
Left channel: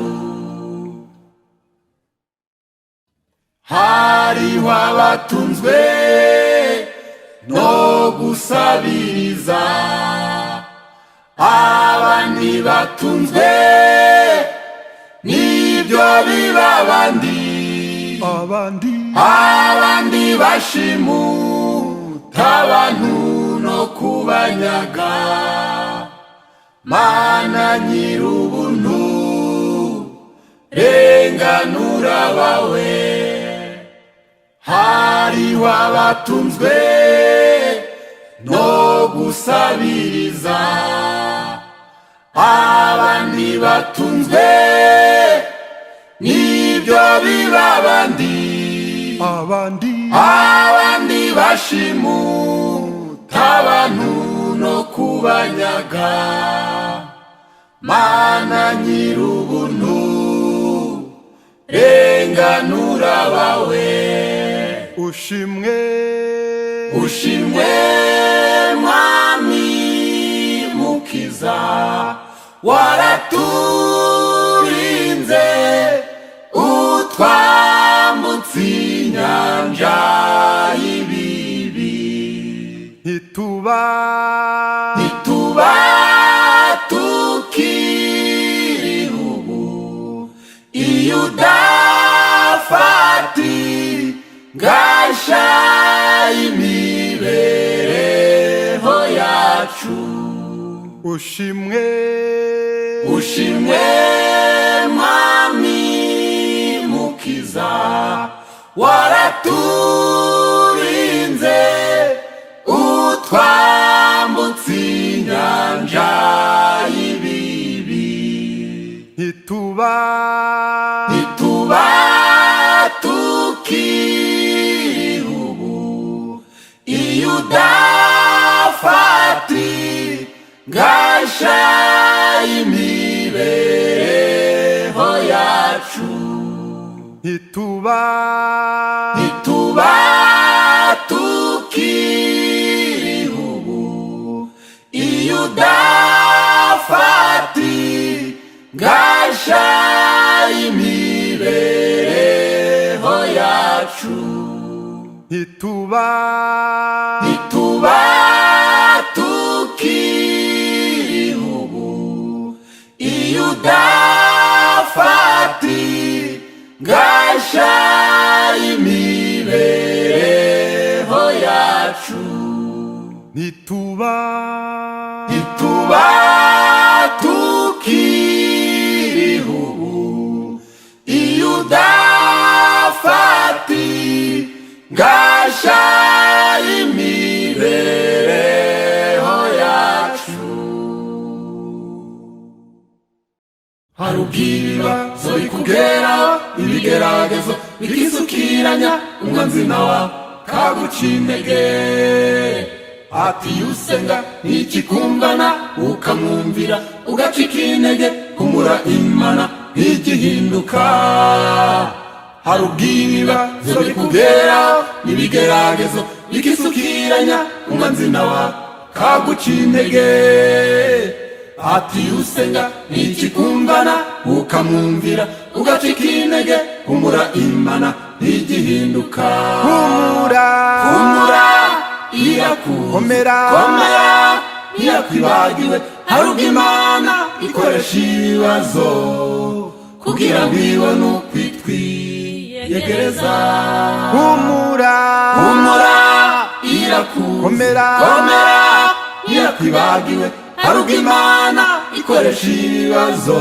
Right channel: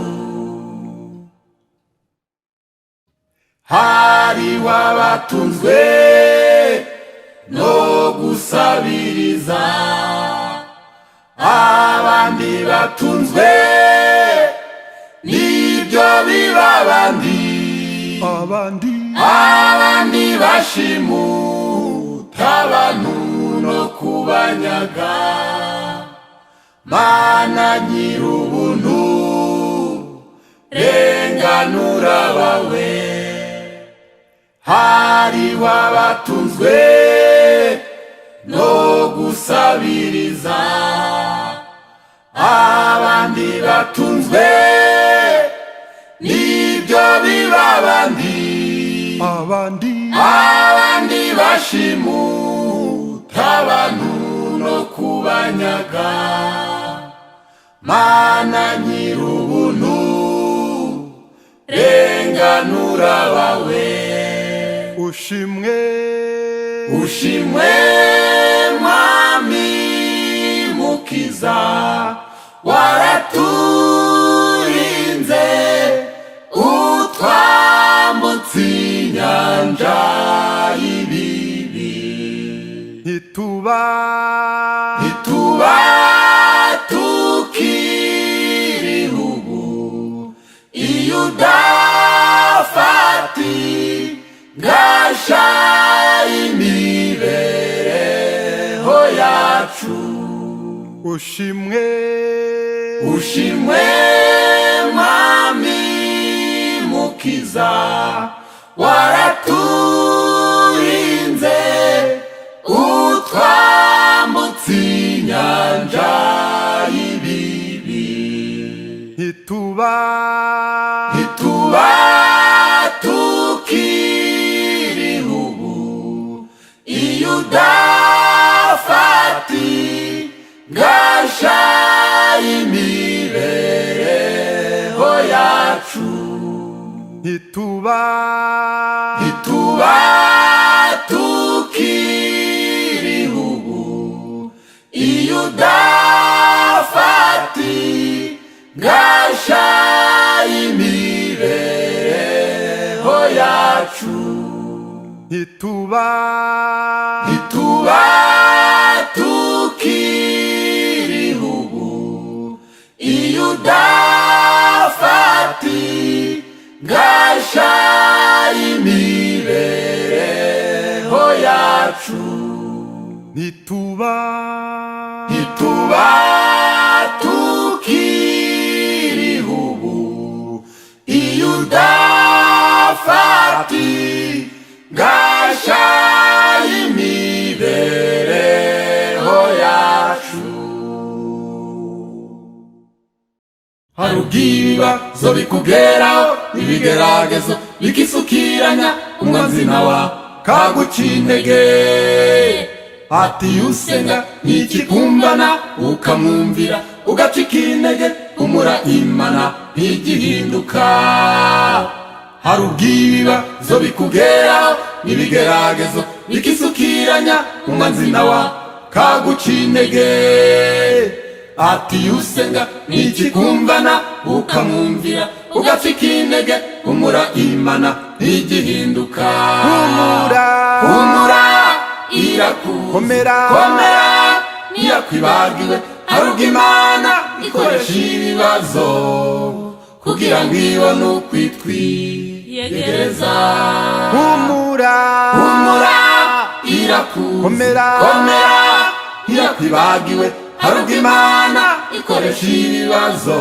hariho abatunzwe no gusabiriza, abandi batunzwe n'ibyo biba abandi bashimuta abantu no kubanyaga. Mana nyir'ubuntu, renganura abawe. Hariho abatunzwe no gusabiriza, abandi batunzwe n'ibyo biba abandi bashimuta abantu no kubanyaga. Mana nyir'ubuntu, renganura abawe. Ushimwe Mwami mukiza, waraturinze utwambutse inyanja y'ibibi. ntituba tukiriho ubu iyo udafata gasha imibereho yacu. ushimwe Mwami mukiza, waraturinze utwambutse inyanja y'ibibi. ntituba tukiriho ubu iyo udafata gasha imibereho yacu. ntituba tukiriho ubu iyo udafata gasha imibereho yacu. ntituba tukiriho ubu iyo udafata gasha imibereho yacu. ntituba tukiriho ubu iyo udafata gasha imibereho yacu. hari ubw'ibibazo bikugeraho, ibigeragezo bikisukiranya, umwanzi nawe kaguca intege. ati usenga ntikikumbana, ukamwumvira ugacika intege, humura Imana ntigihinduka. hari ubw'ibibazo bikugeraho, ibigeragezo bikisukiranya, umwanzi nawe kaguca intege. ati usenga ntikikumbana, ukamwumvira ugacika intege, humura Imana ntigihinduka. humura irakomera ntiyakwibagiwe. hari ubwo Imana ikoresha ibibazo kugira ngo ibone uko itwiyegereza. humura irakomera ntiyakwibagiwe. hari ubwo Imana ikoresha ibibazo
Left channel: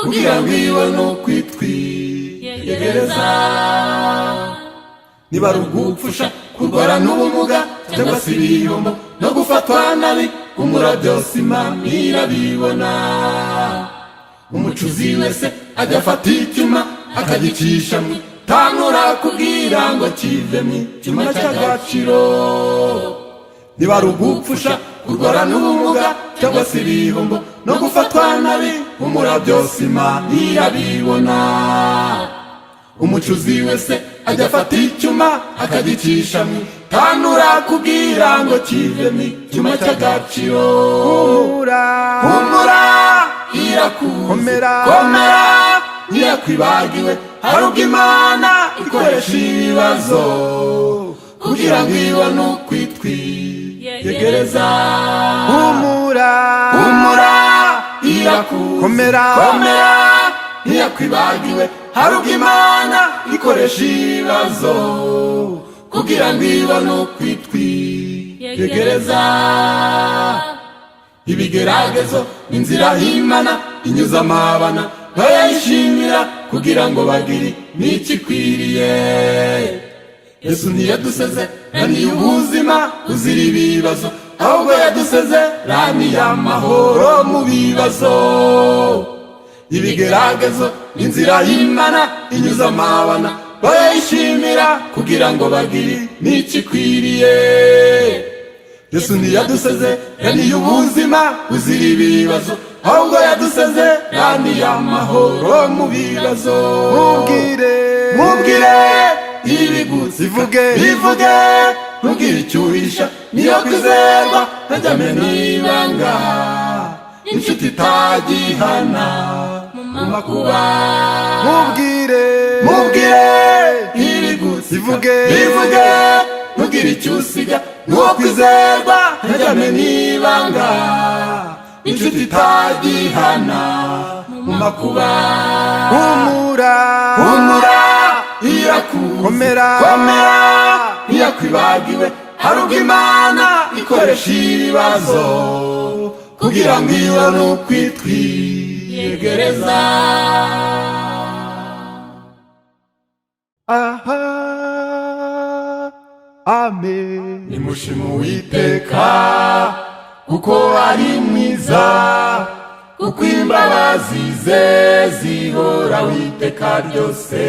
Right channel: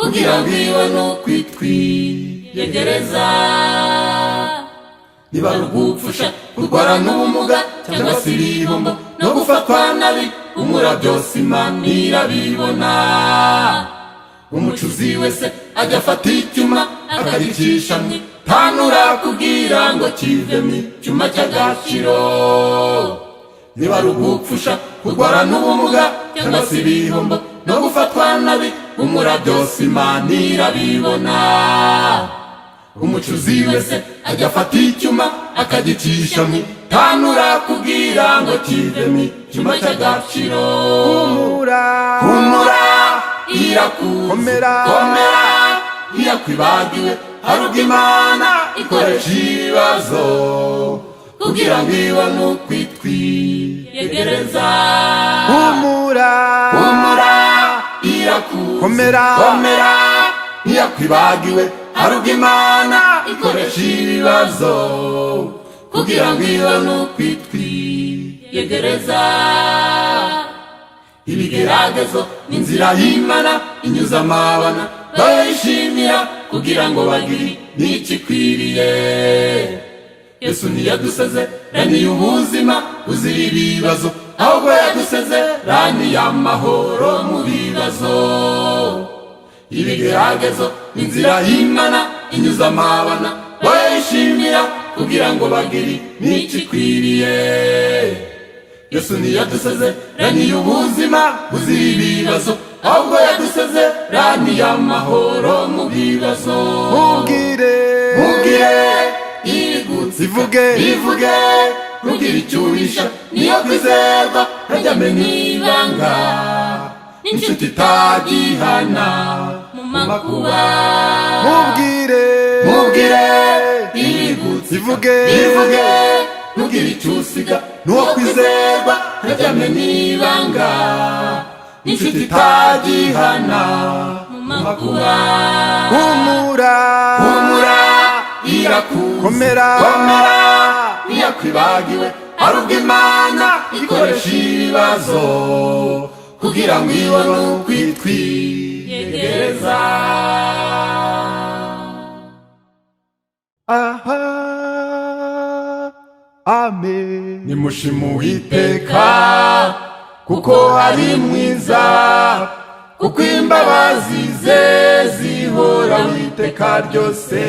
kugira ngo ibone uko itwiyegereza. niba ari ugupfusha, kurwara n'ubumuga, cyangwa se ibihombo no gufatwa nabi, humura byose Imana irabibona. umucuzi wese ajya afata icyuma akagicisha mu itanura kugira ngo kivemo icyuma cy'agaciro. niba ari ugupfusha, kurwara n'ubumuga, cyangwa se ibihombo no gufatwa nabi, humura byose Imana irabibona. umucuzi wese ajya afata icyuma akagicisha mu itanura kugira ngo kivemo icyuma cy'agaciro. humura irakomera ntiyakwibagiwe. hari ubwo Imana ikoresha ibibazo kugira ngo ibone ukwitwiyegereza. humura irakuzi, komera ntiyakwibagiwe. hari ubwo Imana ikoresha ibibazo kugira ngo ibone ukwitwiyegereza. ibigeragezo n'inzira y'Imana inyuza amabana bayishimira kugira ngo bagire n'ikikwiriye. Yesu ntiyadusezeraniye ubuzima buzira ibibazo, ahubwo yadusezeraniye amahoro mu bibazo. ibigeragezo n'inzira y'Imana inyuza amabana bayishimira kugira ngo bagire n'ikikwiriye. Yesu ntiyadusezeraniye ubuzima buzira ibibazo, ahubwo yadusezeraniye amahoro mu bibazo. mubwire ibigutse bivuge ntugire icyo uhisha, niyo kwizerwa ntajyame n'ibanga, inshuti itagihana mu makuba. mubwire ibigutse bivuge ntugire icyo usiga, nuwo kwizerwa ntajyame n'ibanga, inshuti itagihana mu makuba. humura irakuzi, komera ntiyakwibagiwe. hari ubwo Imana ikoresha ibibazo kugira ngo ibone ukwitwiyegereza. aha amen. nimushime Uwiteka kuko ari mwiza, kuko imbabazi ze zihoraho iteka ryose.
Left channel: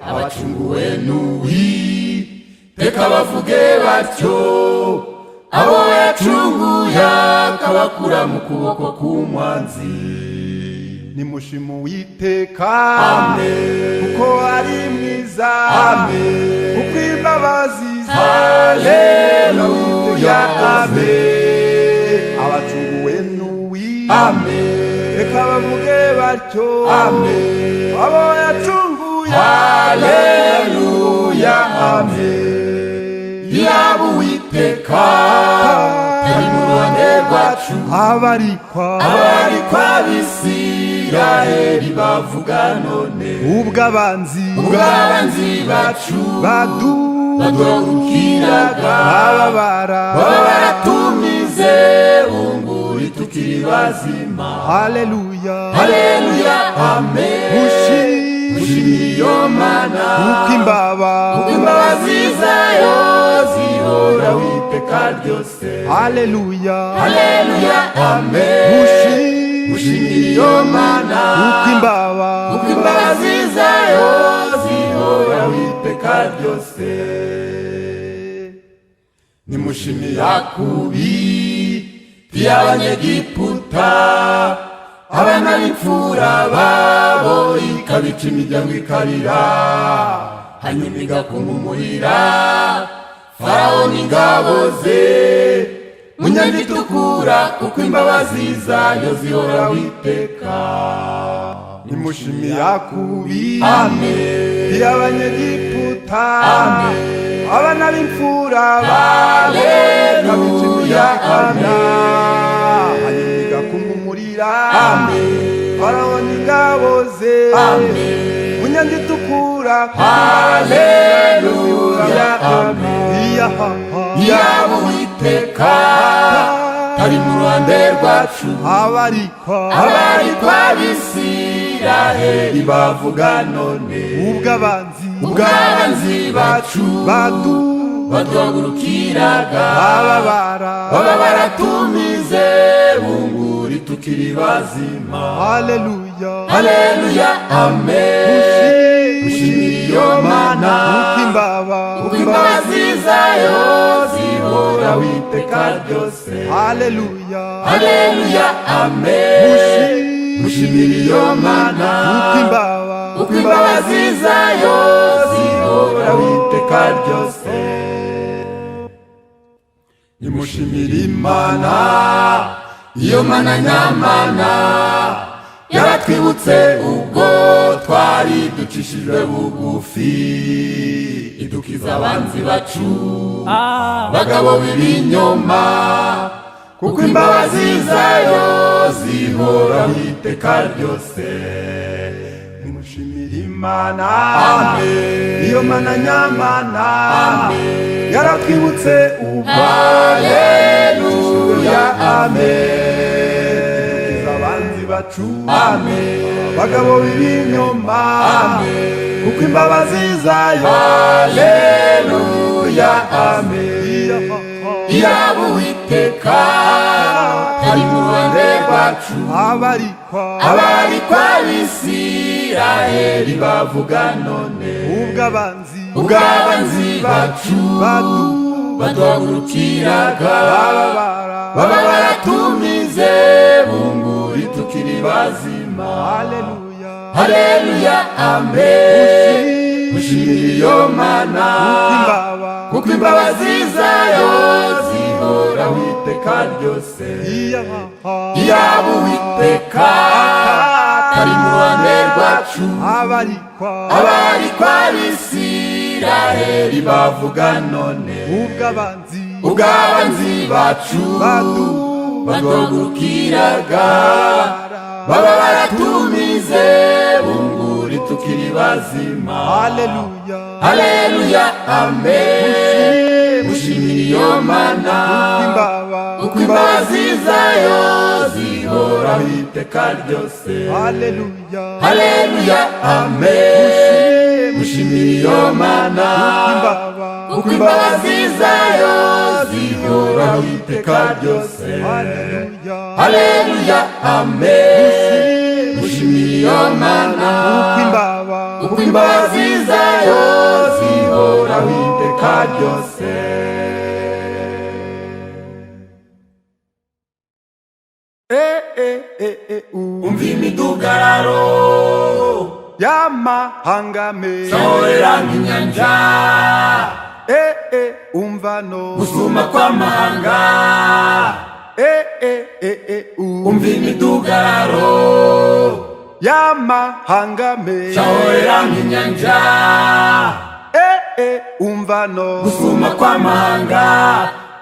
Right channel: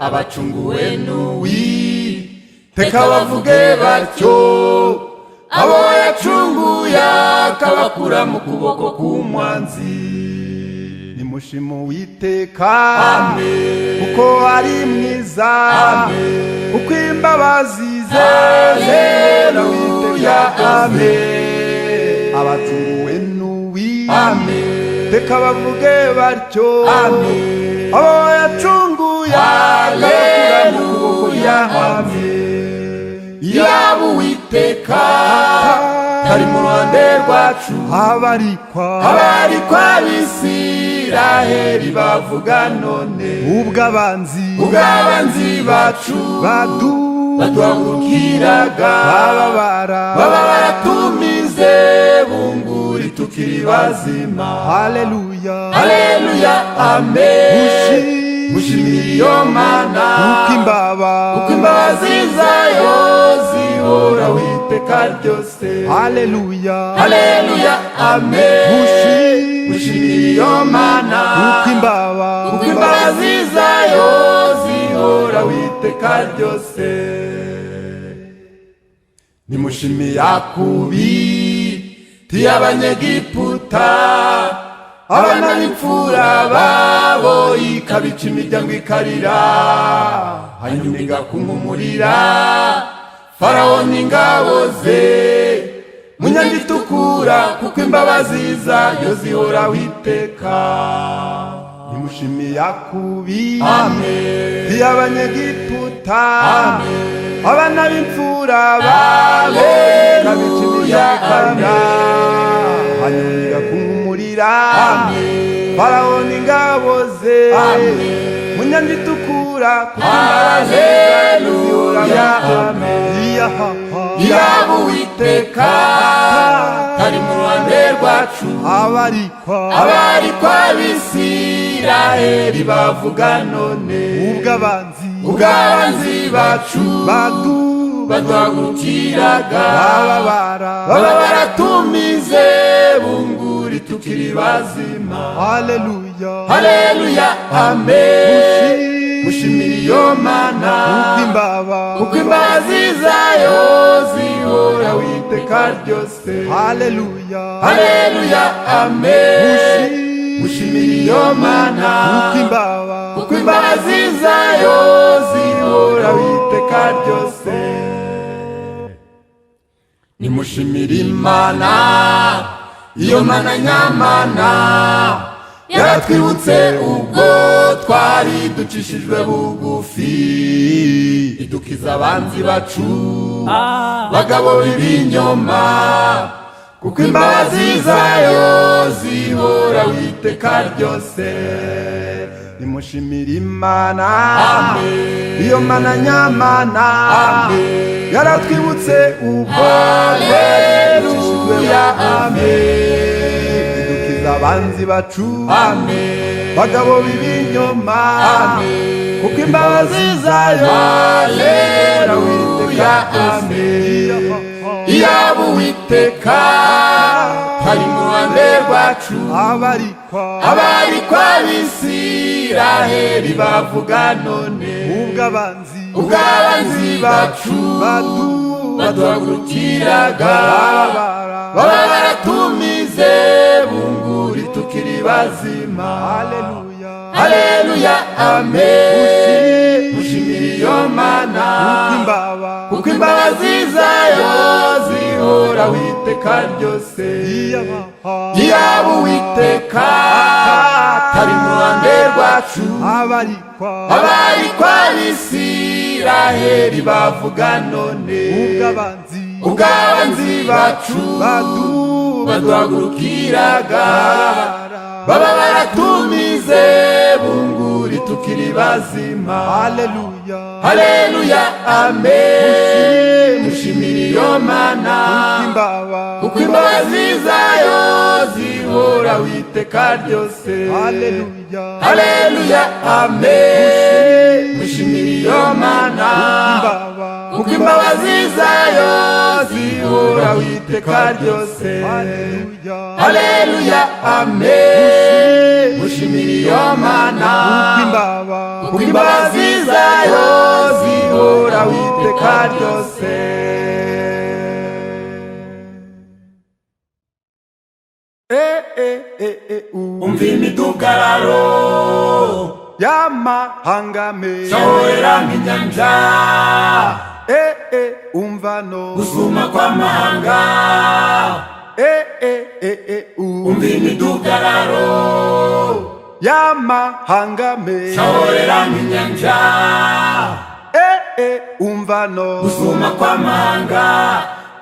abacunguwe n'Uwiteka bavuge batyo, abo yacunguye akabakura mu kuboko k'umwanzi. nimushime Uwiteka Amen. kuko ari mwiza, Amen. kuko imbabazi ze Haleluya, amen. abacunguwe n'Uwiteka bavuge batyo, Amen. abo yacunguye Haleluya, amen. yaba Uwiteka ari mu ruhande rwacu, abarikwa ab'Isiraheli bavuga none, ubwo abanzi bacu baduhagurukiraga baba baratumize bunguri tukiri bazima. haleluya, amen. mushimire iyo Mana kuko imbabazi zayo zihoraho iteka ryose. haleluya, amen. mushimire iyo Mana kuko imbabazi zayo zihoraho iteka ryose. nimushime Yakubiti y'Abanyegiputa, abana b'imfura babo ikabica imiryango ikarira, hanyuma igakumumurira Farawo n'ingabo ze mu nyanja itukura, kuko imbabazi zayo zihoraho iteka. nimushime Yakubiti Amen. y'Abanyegiputa, Amen. abana b'imfura babo Haleluya, ikabica amen. hanyuma igakumumurira Amen. Farawo n'ingabo ze Amen. mu nyanja itukura, Haleluya, amen. iyaha yaba Uwiteka ari mu ruhande rwacu, abarikwa ab'Isiraheli bavuga none, ubwo abanzi bacu baduhagurukiraga baba baratumize bunguri tukiri bazima. haleluya, amen. mushimire iyo Mana kuko imbabazi zayo zihoraho iteka ryose. haleluya, amen. mushimire iyo Mana kuko imbabazi zayo zihoraho iteka ryose. nimushimire Imana iyo Mana nyamana, yaratwibutse ubwo twari ducishijwe bugufi, idukiza abanzi bacu bagabo b'ibinyoma, kuko imbabazi zayo zihoraho iteka ryose. Nimushimire Imana, iyo Mana nyamana, yaratwibutse ubwo Haleluya, amen. Idukiza abanzi bacu bagabo b'ibinyoma, kuko imbabazi zayo Haleluya, amen. Iyaba Uwiteka ari mu ruhande rwacu, abarikwa b'Isiraheli bavuga none, ubwo abanzi bacu baduhagurukiraga, baba baratumize bunguri tukiri bazima. Haleluya, amen. Ushimire iyo Mana, kuko imbabazi zayo zihoraho iteka ryose. Iyaba Uwiteka ari mu ruhande rwacu, abarikwa b'Isiraheli bavuga none, ubwo abanzi bacu baduhagurukiraga, baba baratumize bunguri tukiri bazima. Haleluya, amen. Ushimire iyo Mana, kuko imbabazi zayo zihoraho iteka ryose. Haleluya, amen. Ushimire iyo Mana, kuko imbabazi zayo zihoraho iteka ryose. Haleluya, amen. Ushimire iyo Mana, kuko imbabazi zayo zihoraho iteka ryose. Umva imidugararo y'amahanga menshi shorera nk'inyanja, umva no gusuma kw'amahanga. Umva imidugararo y'amahanga menshi shorera nk'inyanja, umva no gusuma kw'amahanga.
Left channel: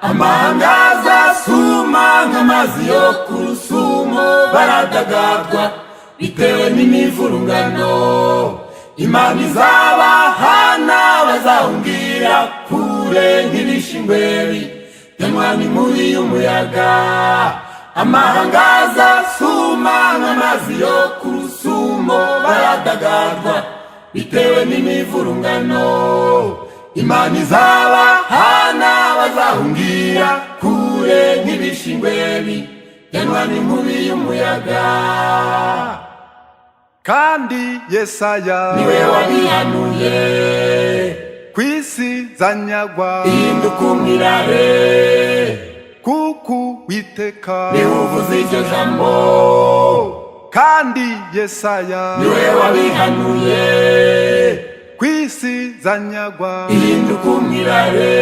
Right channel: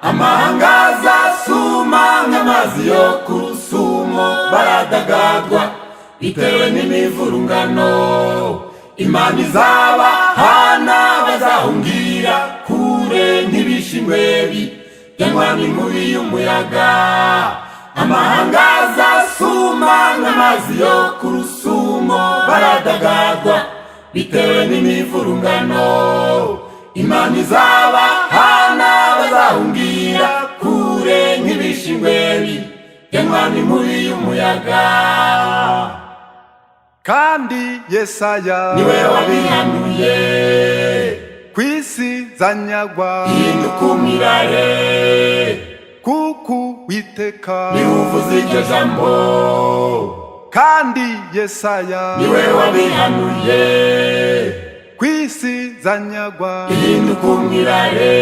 Amahanga azasuma nk'amazi yo ku rusumo, baradagadwa bitewe n'imivurungano. Imana izabahana, bazahungira kure nk'ibishingwe bitemwa n'inkubi y'umuyaga. Amahanga azasuma nk'amazi yo ku rusumo, baradagadwa bitewe n'imivurungano. Imana izabahana, bazahungira kure nk'ibishingwe bitemwa n'inkubi y'umuyaga. kandi Yesaya niwe wabihanuye, kw'isi zanyagwa ihinduka umirare, kuko Uwiteka niwe uvuze iryo jambo. kandi Yesaya niwe wabihanuye, kw'isi zanyagwa ihinduka umirare,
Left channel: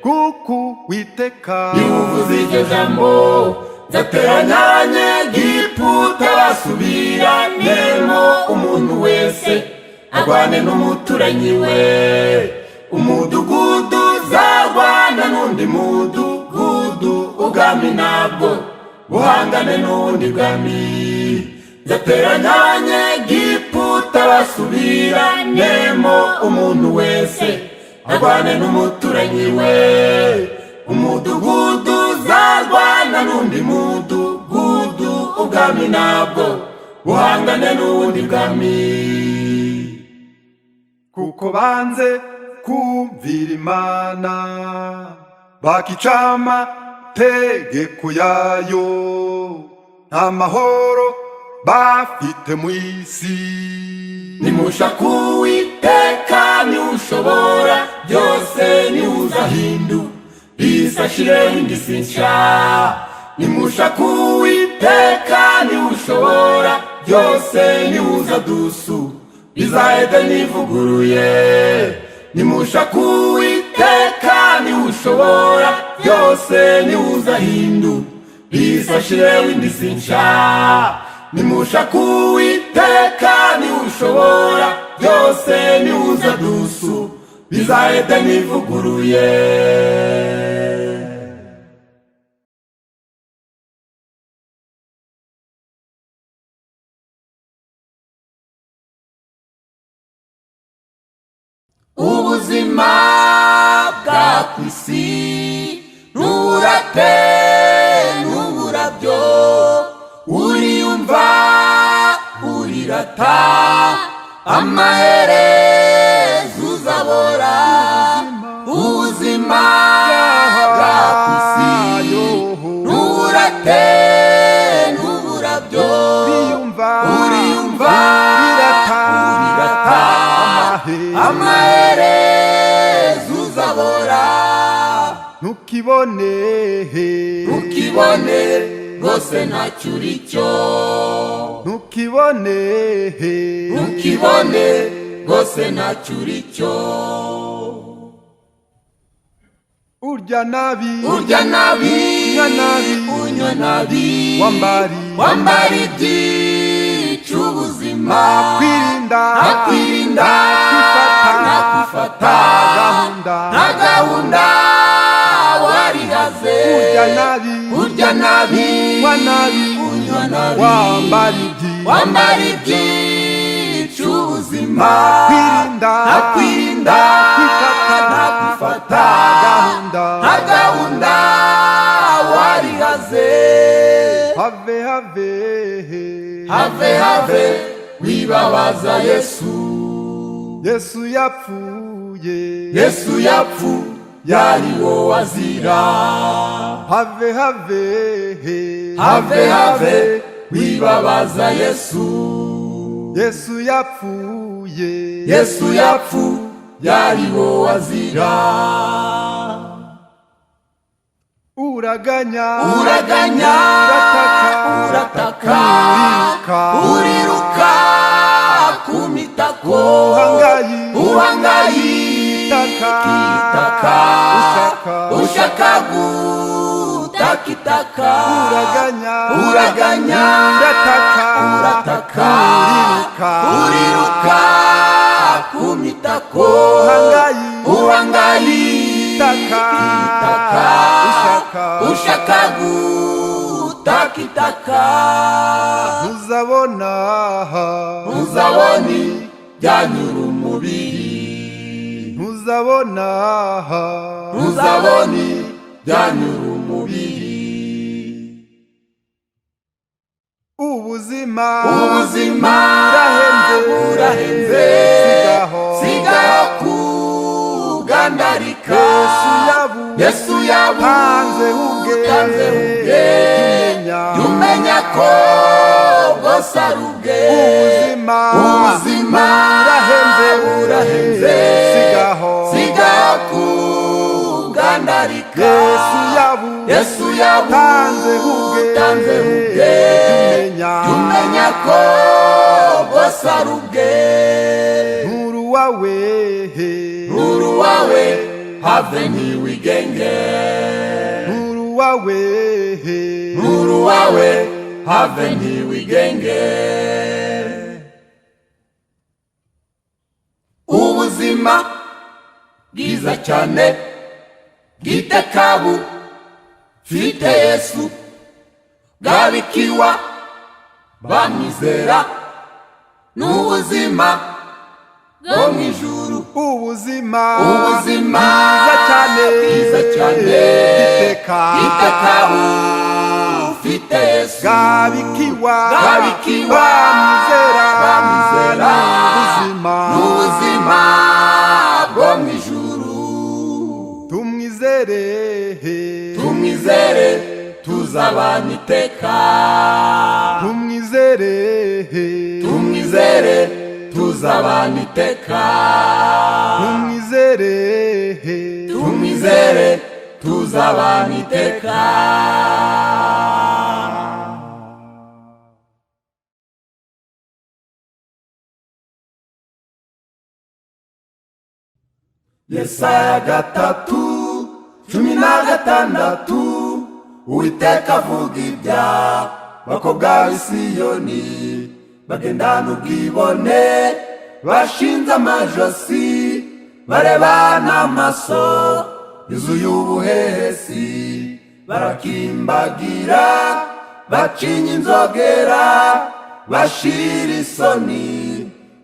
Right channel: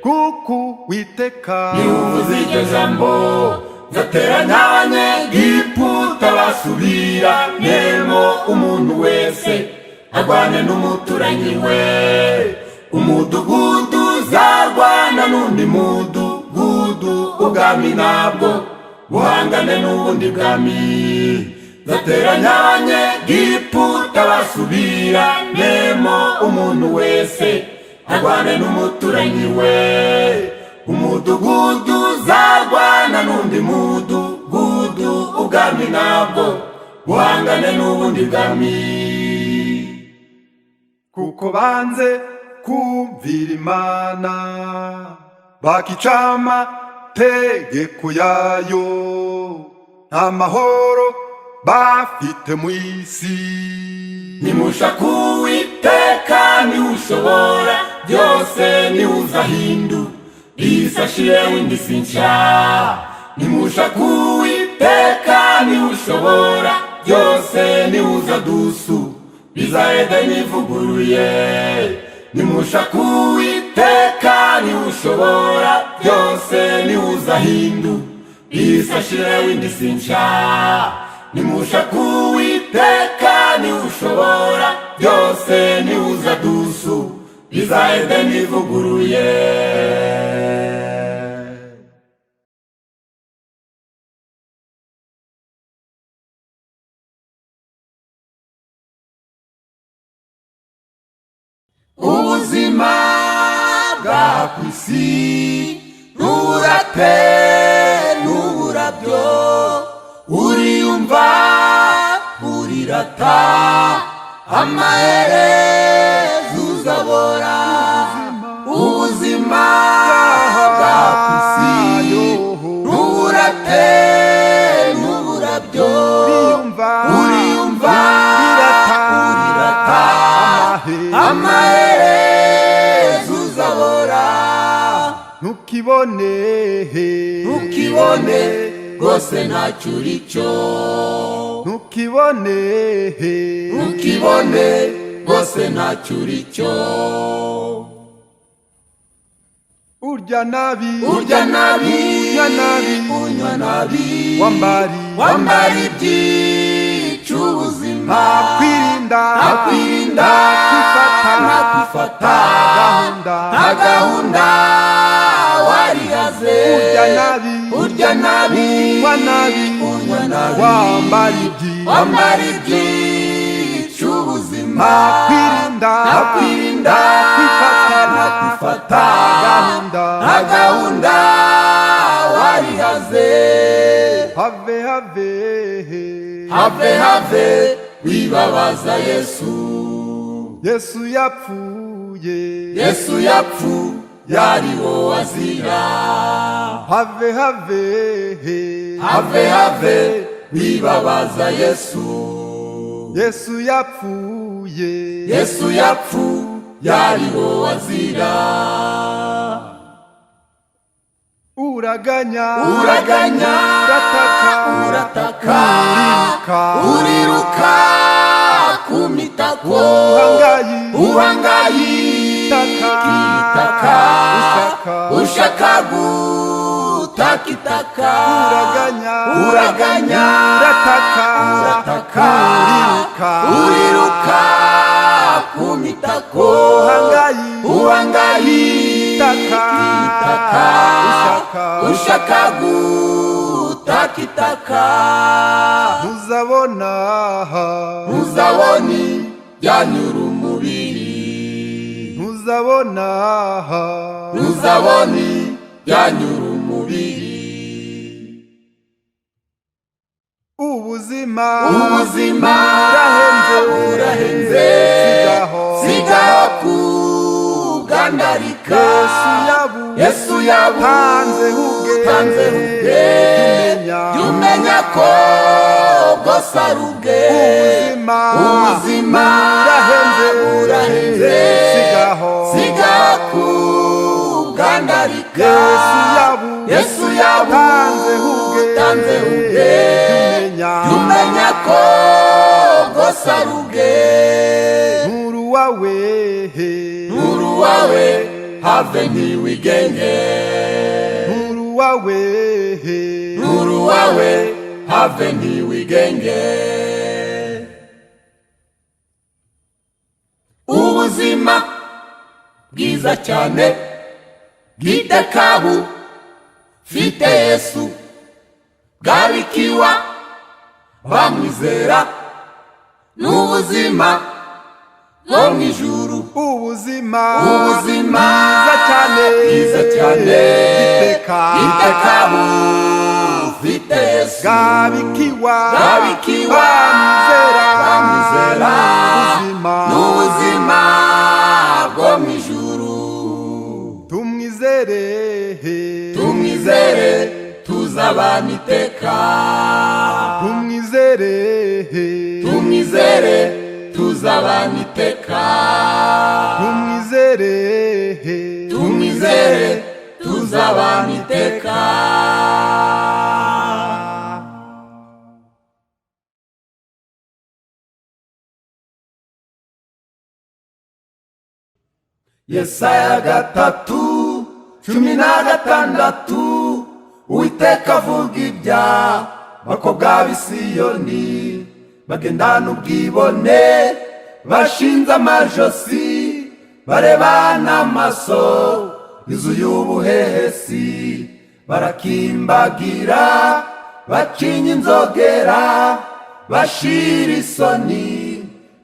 kuko Uwiteka niwe uvuze iryo jambo. Nzateranya Abanyegiputa basubiranemo, umuntu wese agwane n'umuturanyi we. Umudugudu uzarwana n'undi mudugudu, ubwami nabwo buhangane n'ubundi bwami. Nzateranya Abanyegiputa basubiranemo, umuntu wese agwane n'umuturanyi we. Umudugudu uzarwana n'undi mudugudu, ubwami nabwo buhangane n'ubundi bwami. kuko banze kumvira Imana, bakica amategeko yayo, nta mahoro bafite mu isi. Nimushaka Uwiteka, niwe ushobora byose, niwe uzahindura isi ashireho indi si nshya. Nimushaka Uwiteka, niwe ushobora byose, niwe uzadusubiza Edeni ivuguruye. Nimushaka Uwiteka, niwe ushobora byose, niwe uzahindura isi ashireho indi si nshya. ushaka Uwiteka niwe ushobora byose, niwe uza dusu bizahede nivuguruye. Ubuzima bwa kwisi nturate n'uburabyo, uriyumva urirata amaherezo uzabora. Ubuzima bwa kwisi nturate n'uburabyo, uriyumva urirata amaherezo uzabora. ntukibone rwose ntacyo uricyo, ntukibone rwose ntacyo uricyo. urya nabi unywa nabi wambara ibyica ubuzima. nakwirinda nakwifata nta gahunda warihaze. urya nabi unywa nabi wambara ibyica ubuzima. nakwirinda nakwifata nta gahunda warihaze. have wibabaza Yesu yapfuye yari wo wazira. have wibabaza Yesu yapfuye yari wo wazira. uraganya urataka uriruka ku mitako. uhangayika ushaka gutakitaka. uraganya urataka uriruka ku mitako. uhangayika ushaka gutakitaka. ntuzabona byanyura umubiri. ntuzabona byanyura umubiri. ubuzima burahenze sigaho kugandarika. Yesu yabutanze ubwe umenya ko bwose ari ubwe. ubuzima burahenze sigaho kugandarika. Yesu yabutanze ubwe umenya ko bwose ari ubwe. nturu wawe have ntiwigenge. nturu wawe have ntiwigenge. ubuzima bwiza cyane bw'iteka bufite Yesu, bwabikiwa bamwizera. n'ubuzima bwo mu ijuru. ubuzima bwiza cyane bw'iteka bufite Yesu, bwabikiwa bamwizera. n'ubuzima bwo mu ijuru. tumwizere tuzabana iteka. tumwizere tuzabana iteka. tumwizere tuzabana iteka. Yesaya 3:16 Uwiteka avuga ibya bakobwa b'i Siyoni. bagendana ubwibone bashinze amajosi barebana amaso yuzuye ubuhehesi barakimbagira bacinya inzogera bashira isoni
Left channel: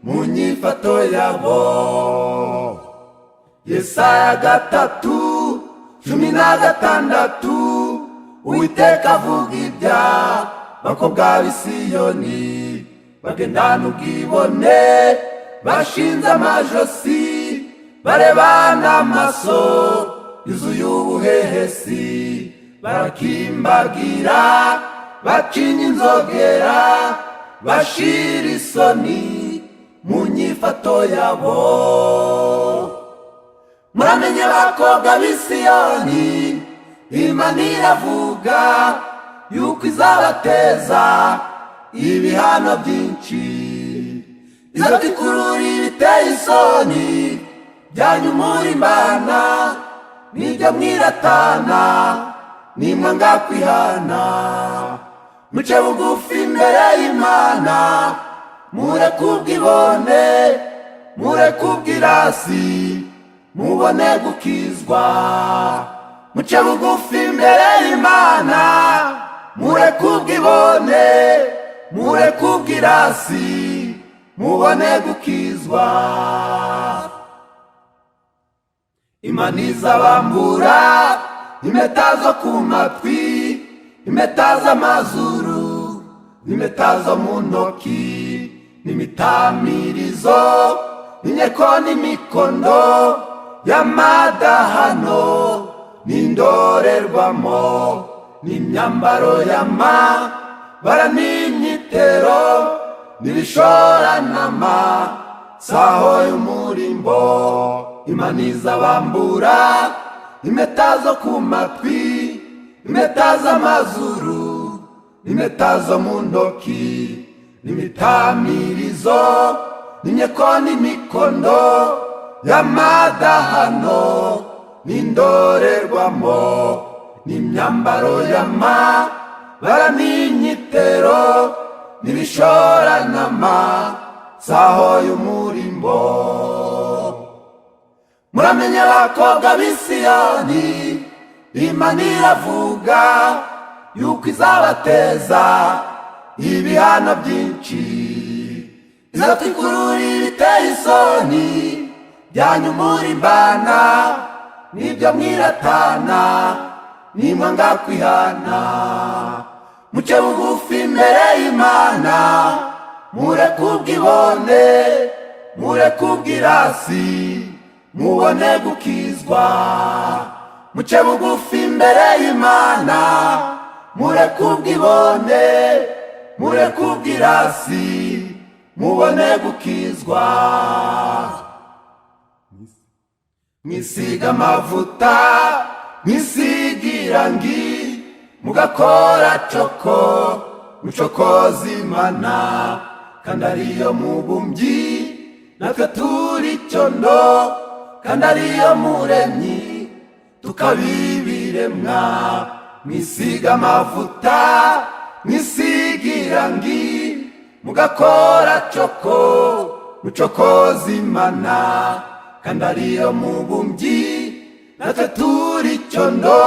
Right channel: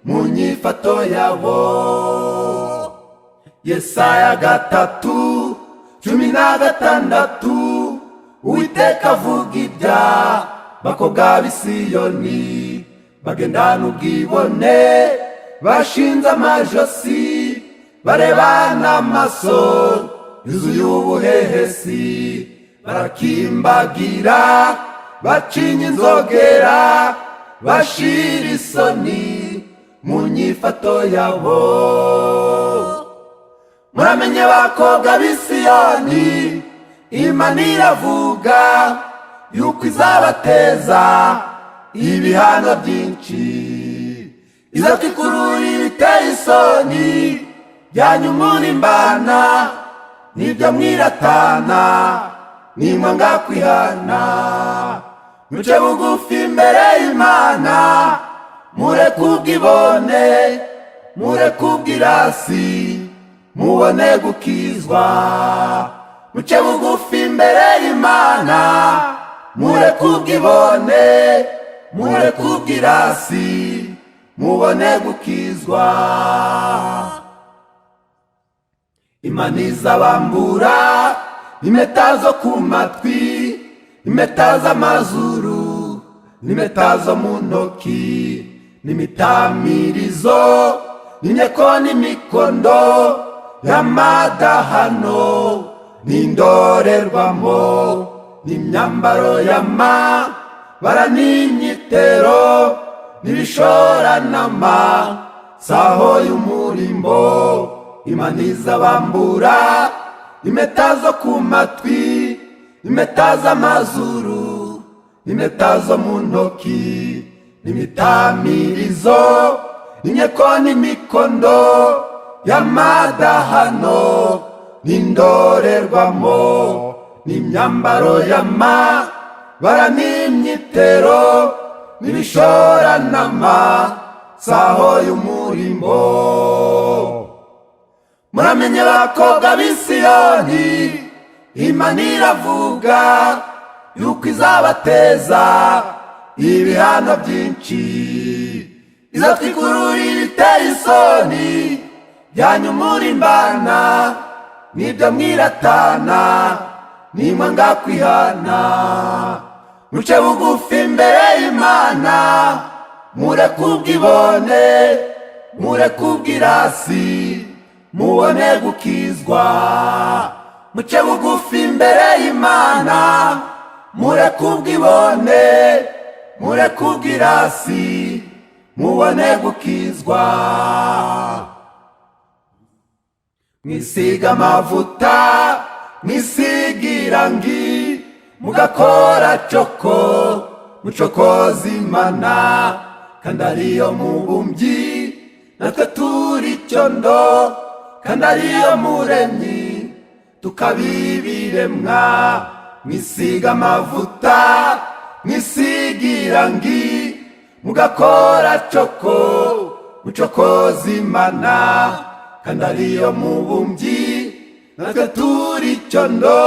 mu nyifato yabo. Yesaya 3:16 Uwiteka avuga ibya bakobwa b'i Siyoni bagendana ubwibone bashinze amajosi barebana amaso yuzuye ubuhehesi barakimbagira bacinya inzogera bashira isoni mu nyifato yabo. Muramenye bakobwa b'i Siyoni Imana iravuga yuko izabateza ibihano byinshi izatwikurura ibiteye isoni byanyu murimbana nibyo mwiratana nimwanga kwihana. Muce bugufi imbere y'Imana mureke ubwibone mureke ubwirasi mubone gukizwa. Muce bugufi imbere y'Imana mureke ubwibone mureke ubwirasi mubone gukizwa. Imana izabambura impeta zo ku matwi impeta z'amazuru n'impeta zo mu ntoki n'imitamirizo n'inyeko n'imikondo y'amadahano n'indorerwamo n'imyambaro y'amabara n'imyitero n'ibishoranama saho y'umurimbo. Imana izabambura impeta zo ku matwi impeta z'amazuru impeta zo mu ntoki n'imitamirizo n'inyeko n'imikondo y'amadahano n'indorerwamo n'imyambaro y'amabara n'imyitero n'ibishoranama saho y'umurimbo. Muramenye bakobwa b'i Siyoni Imana iravuga yuko izabateza ibihano byinshi izatwikurura ibiteye isoni byanyu murimbana nibyo mwiratana nimwanga kwihana. Muce bugufi imbere y'Imana mureke ubwibone mureke ubwirasi mubone gukizwa. Muce bugufi imbere y'Imana mureke ubwibone mureke ubwirasi mubone gukizwa. Mwisiga amavuta mwisiga irangi mugakora coko mucokoza Imana kandi ariyo mubumbyi natwe turi icyondo kandi ariyo muremyi tukabibiremwa. Mwisiga amavuta mwisiga irangi mugakora coko mucokoza Imana kandi ariyo mubumbyi natwe turi icyondo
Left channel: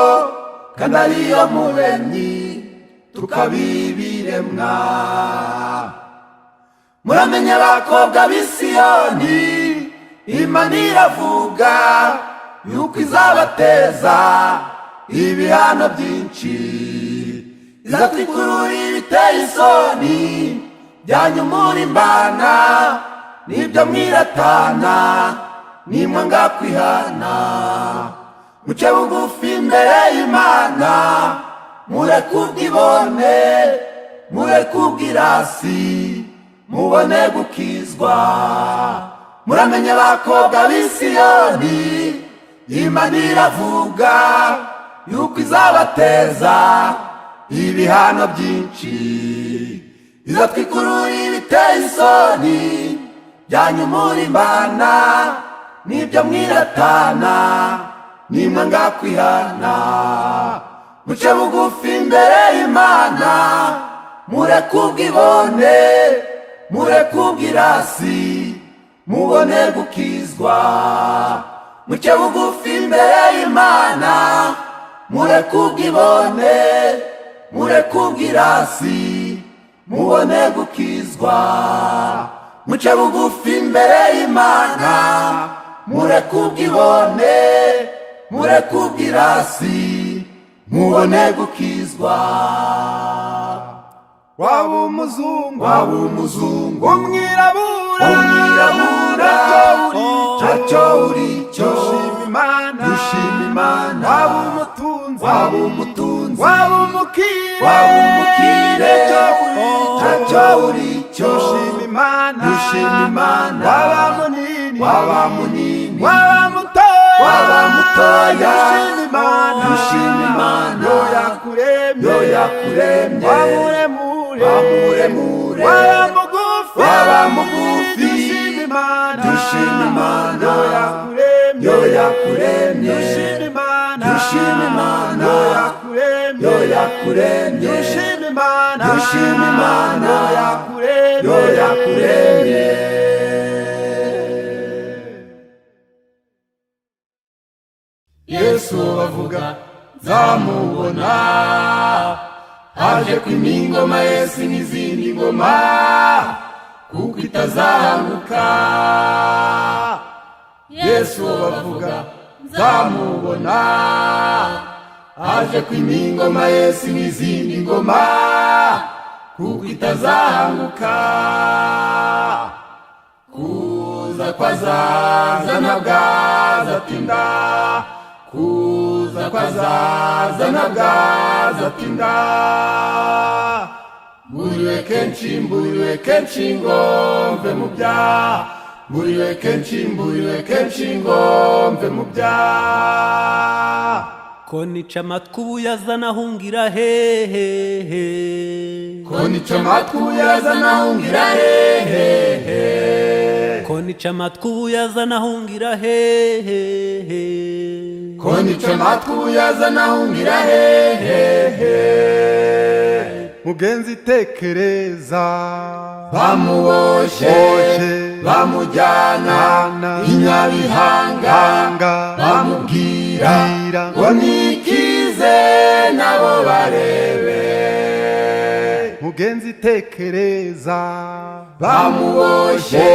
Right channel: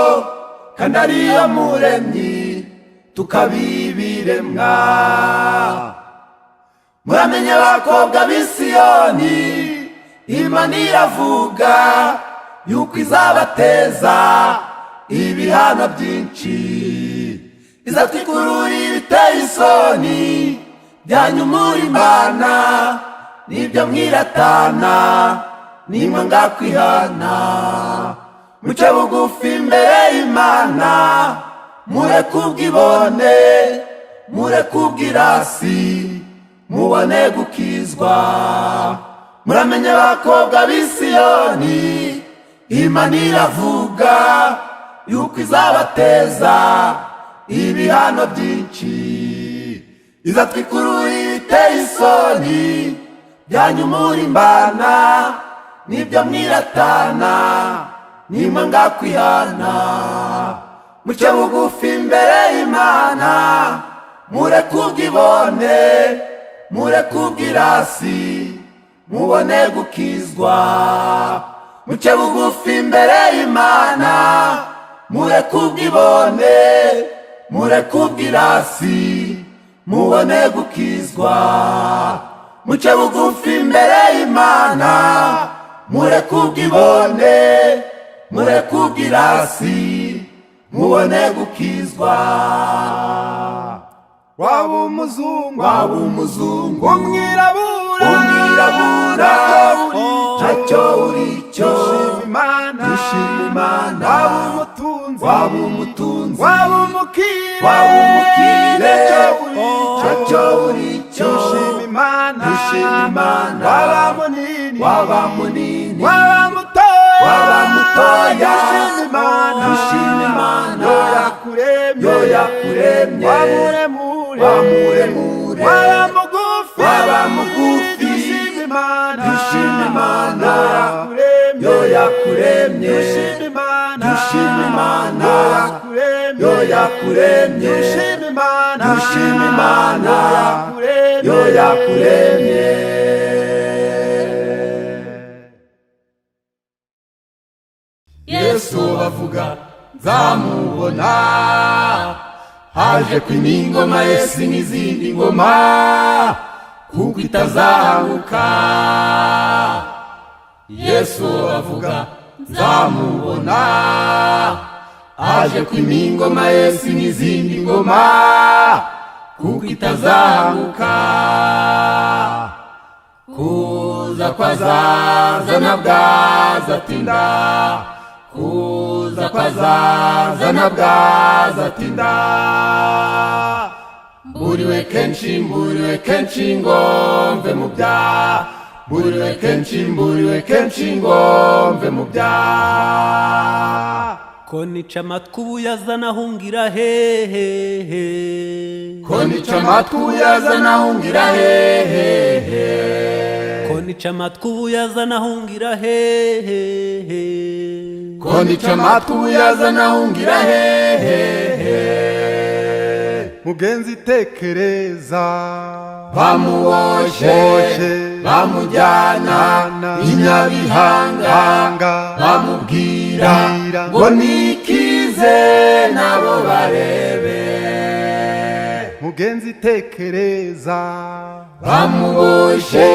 kandi ariyo muremyi tukabibiremwa. Muramenye bakobwa b'i Siyoni Imana iravuga yuko izabateza ibihano byinshi izatwikurura ibiteye isoni byanyu murimbana nibyo mwiratana nimwanga kwihana. Muce bugufi imbere y'Imana mureke ubwibone mureke ubwirasi mubone gukizwa. Muramenye bakobwa b'i Siyoni Imana iravuga yuko izabateza ibihano byinshi izatwikurura ibiteye isoni byanyu murimbana nibyo mwiratana nimwanga kwihana. Muce bugufi imbere y'Imana mureke ubwibone mureke ubwirasi mubone gukizwa, muce bugufi imbere y'Imana mureke ubwibone, mureke ubwirasi mubone gukizwa, muce bugufi imbere y'Imana mureke ubwibone, mureke ubwirasi mubone gukizwa. waba umuzungu umwirabura ntacyo uricyo dushima Imana, waba umutunzi waba umukire ntacyo uricyo dushima Imana, waba munini waba mutoya dushima Imana, yo yakuremye wamuremure waba mugufi dushima Imana, yo yakuremye dushima Imana, yo yakuremye dushima Imana, yo yakuremye. Yesu bavuga nzamubona, haje kwima ingoma Yesu n'izindi ngoma, kuko itazahanguka. Yesu bavuga nzamubona, haje kwima ingoma Yesu n'izindi ngoma, kuko itazahanguka. Kuza kwazaza nabwazatinda, kuza kwazaza nabwazatinda, mburiwe kenshi ngo mve mu byaha, mburiwe kenshi ngo mve mu byaha. ko nica amatwi ubu yazana ahungira hehehe, ko nica amatwi ubu yazana ahungira hehehe, ko nica amatwi ubu yazana ahungira hehehe, ko nica amatwi ubu yazana ahungira hehehe. mugenzi tekereza, bamuboshye bamujyana i Nyabihanga, bamubwira ngo nikize nabo barebe. mugenzi tekereza, bamuboshye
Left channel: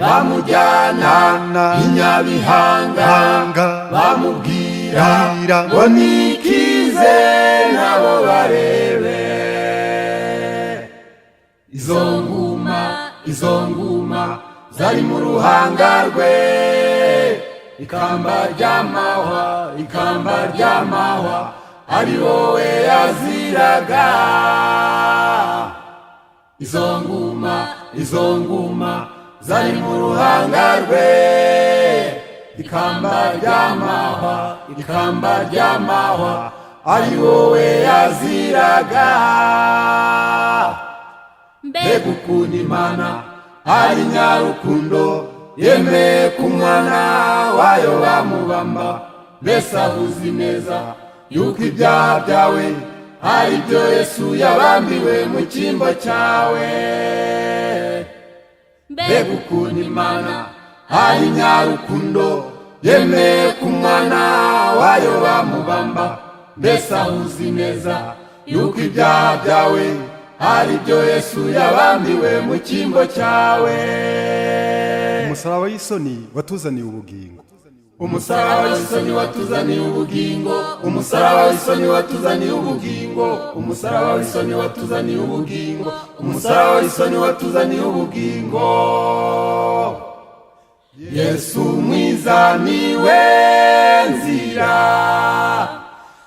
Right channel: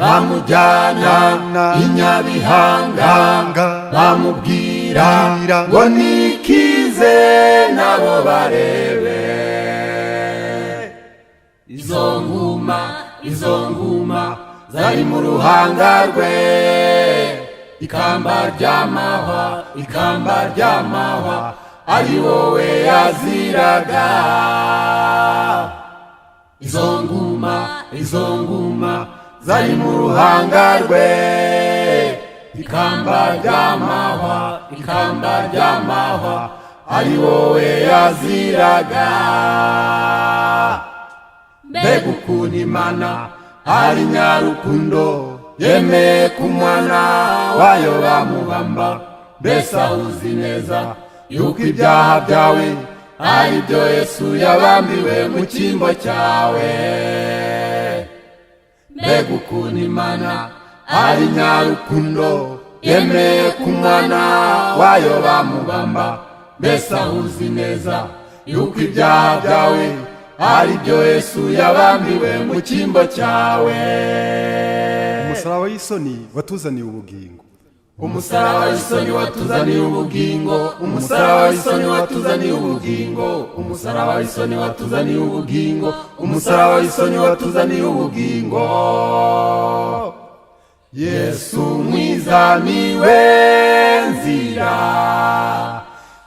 bamujyana i Nyabihanga, bamubwira ngo nikize nabo barebe. Izo nguma zari mu ruhanga rwe, ikamba ry'amahwa ari wowe yaziraga. Izo nguma zari mu ruhanga rwe, ikamba ry'amahwa ari wowe yaziraga. Mbega ukuntu Imana ari nyarukundo, yemeye ku mwana wayo bamubamba. Mbese ahuzi neza yuko ibyaha byawe ari byo Yesu yabambiwe mu cyimbo cyawe. Mbega ukuntu Imana ari nyarukundo, yemeye ku mwana wayo bamubamba. Mbese ahuzi neza yuko ibyaha byawe ari byo Yesu yabambiwe mu cyimbo cyawe. umusaraba w'isoni watuzaniye ubugingo, umusaraba w'isoni watuzaniye ubugingo, umusaraba w'isoni watuzaniye ubugingo, umusaraba w'isoni watuzaniye ubugingo, umusaraba w'isoni watuzaniye ubugingo. Yesu mwiza niwe nzira,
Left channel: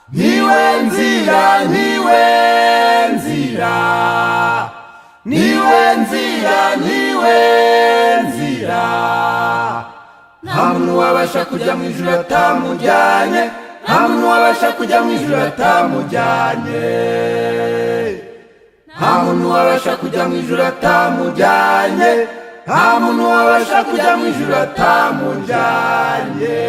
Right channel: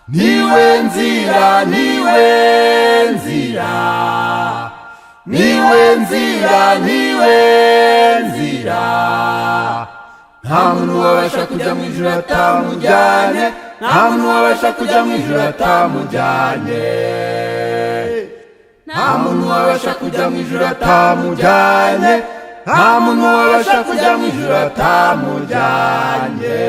niwe nzira, niwe nzira, niwe nzira, niwe nzira. Nta muntu wabasha kujya mu ijuru atamujyanye, nta muntu wabasha kujya mu ijuru atamujyanye, nta muntu wabasha kujya mu ijuru atamujyanye, nta muntu wabasha kujya mu ijuru atamujyanye.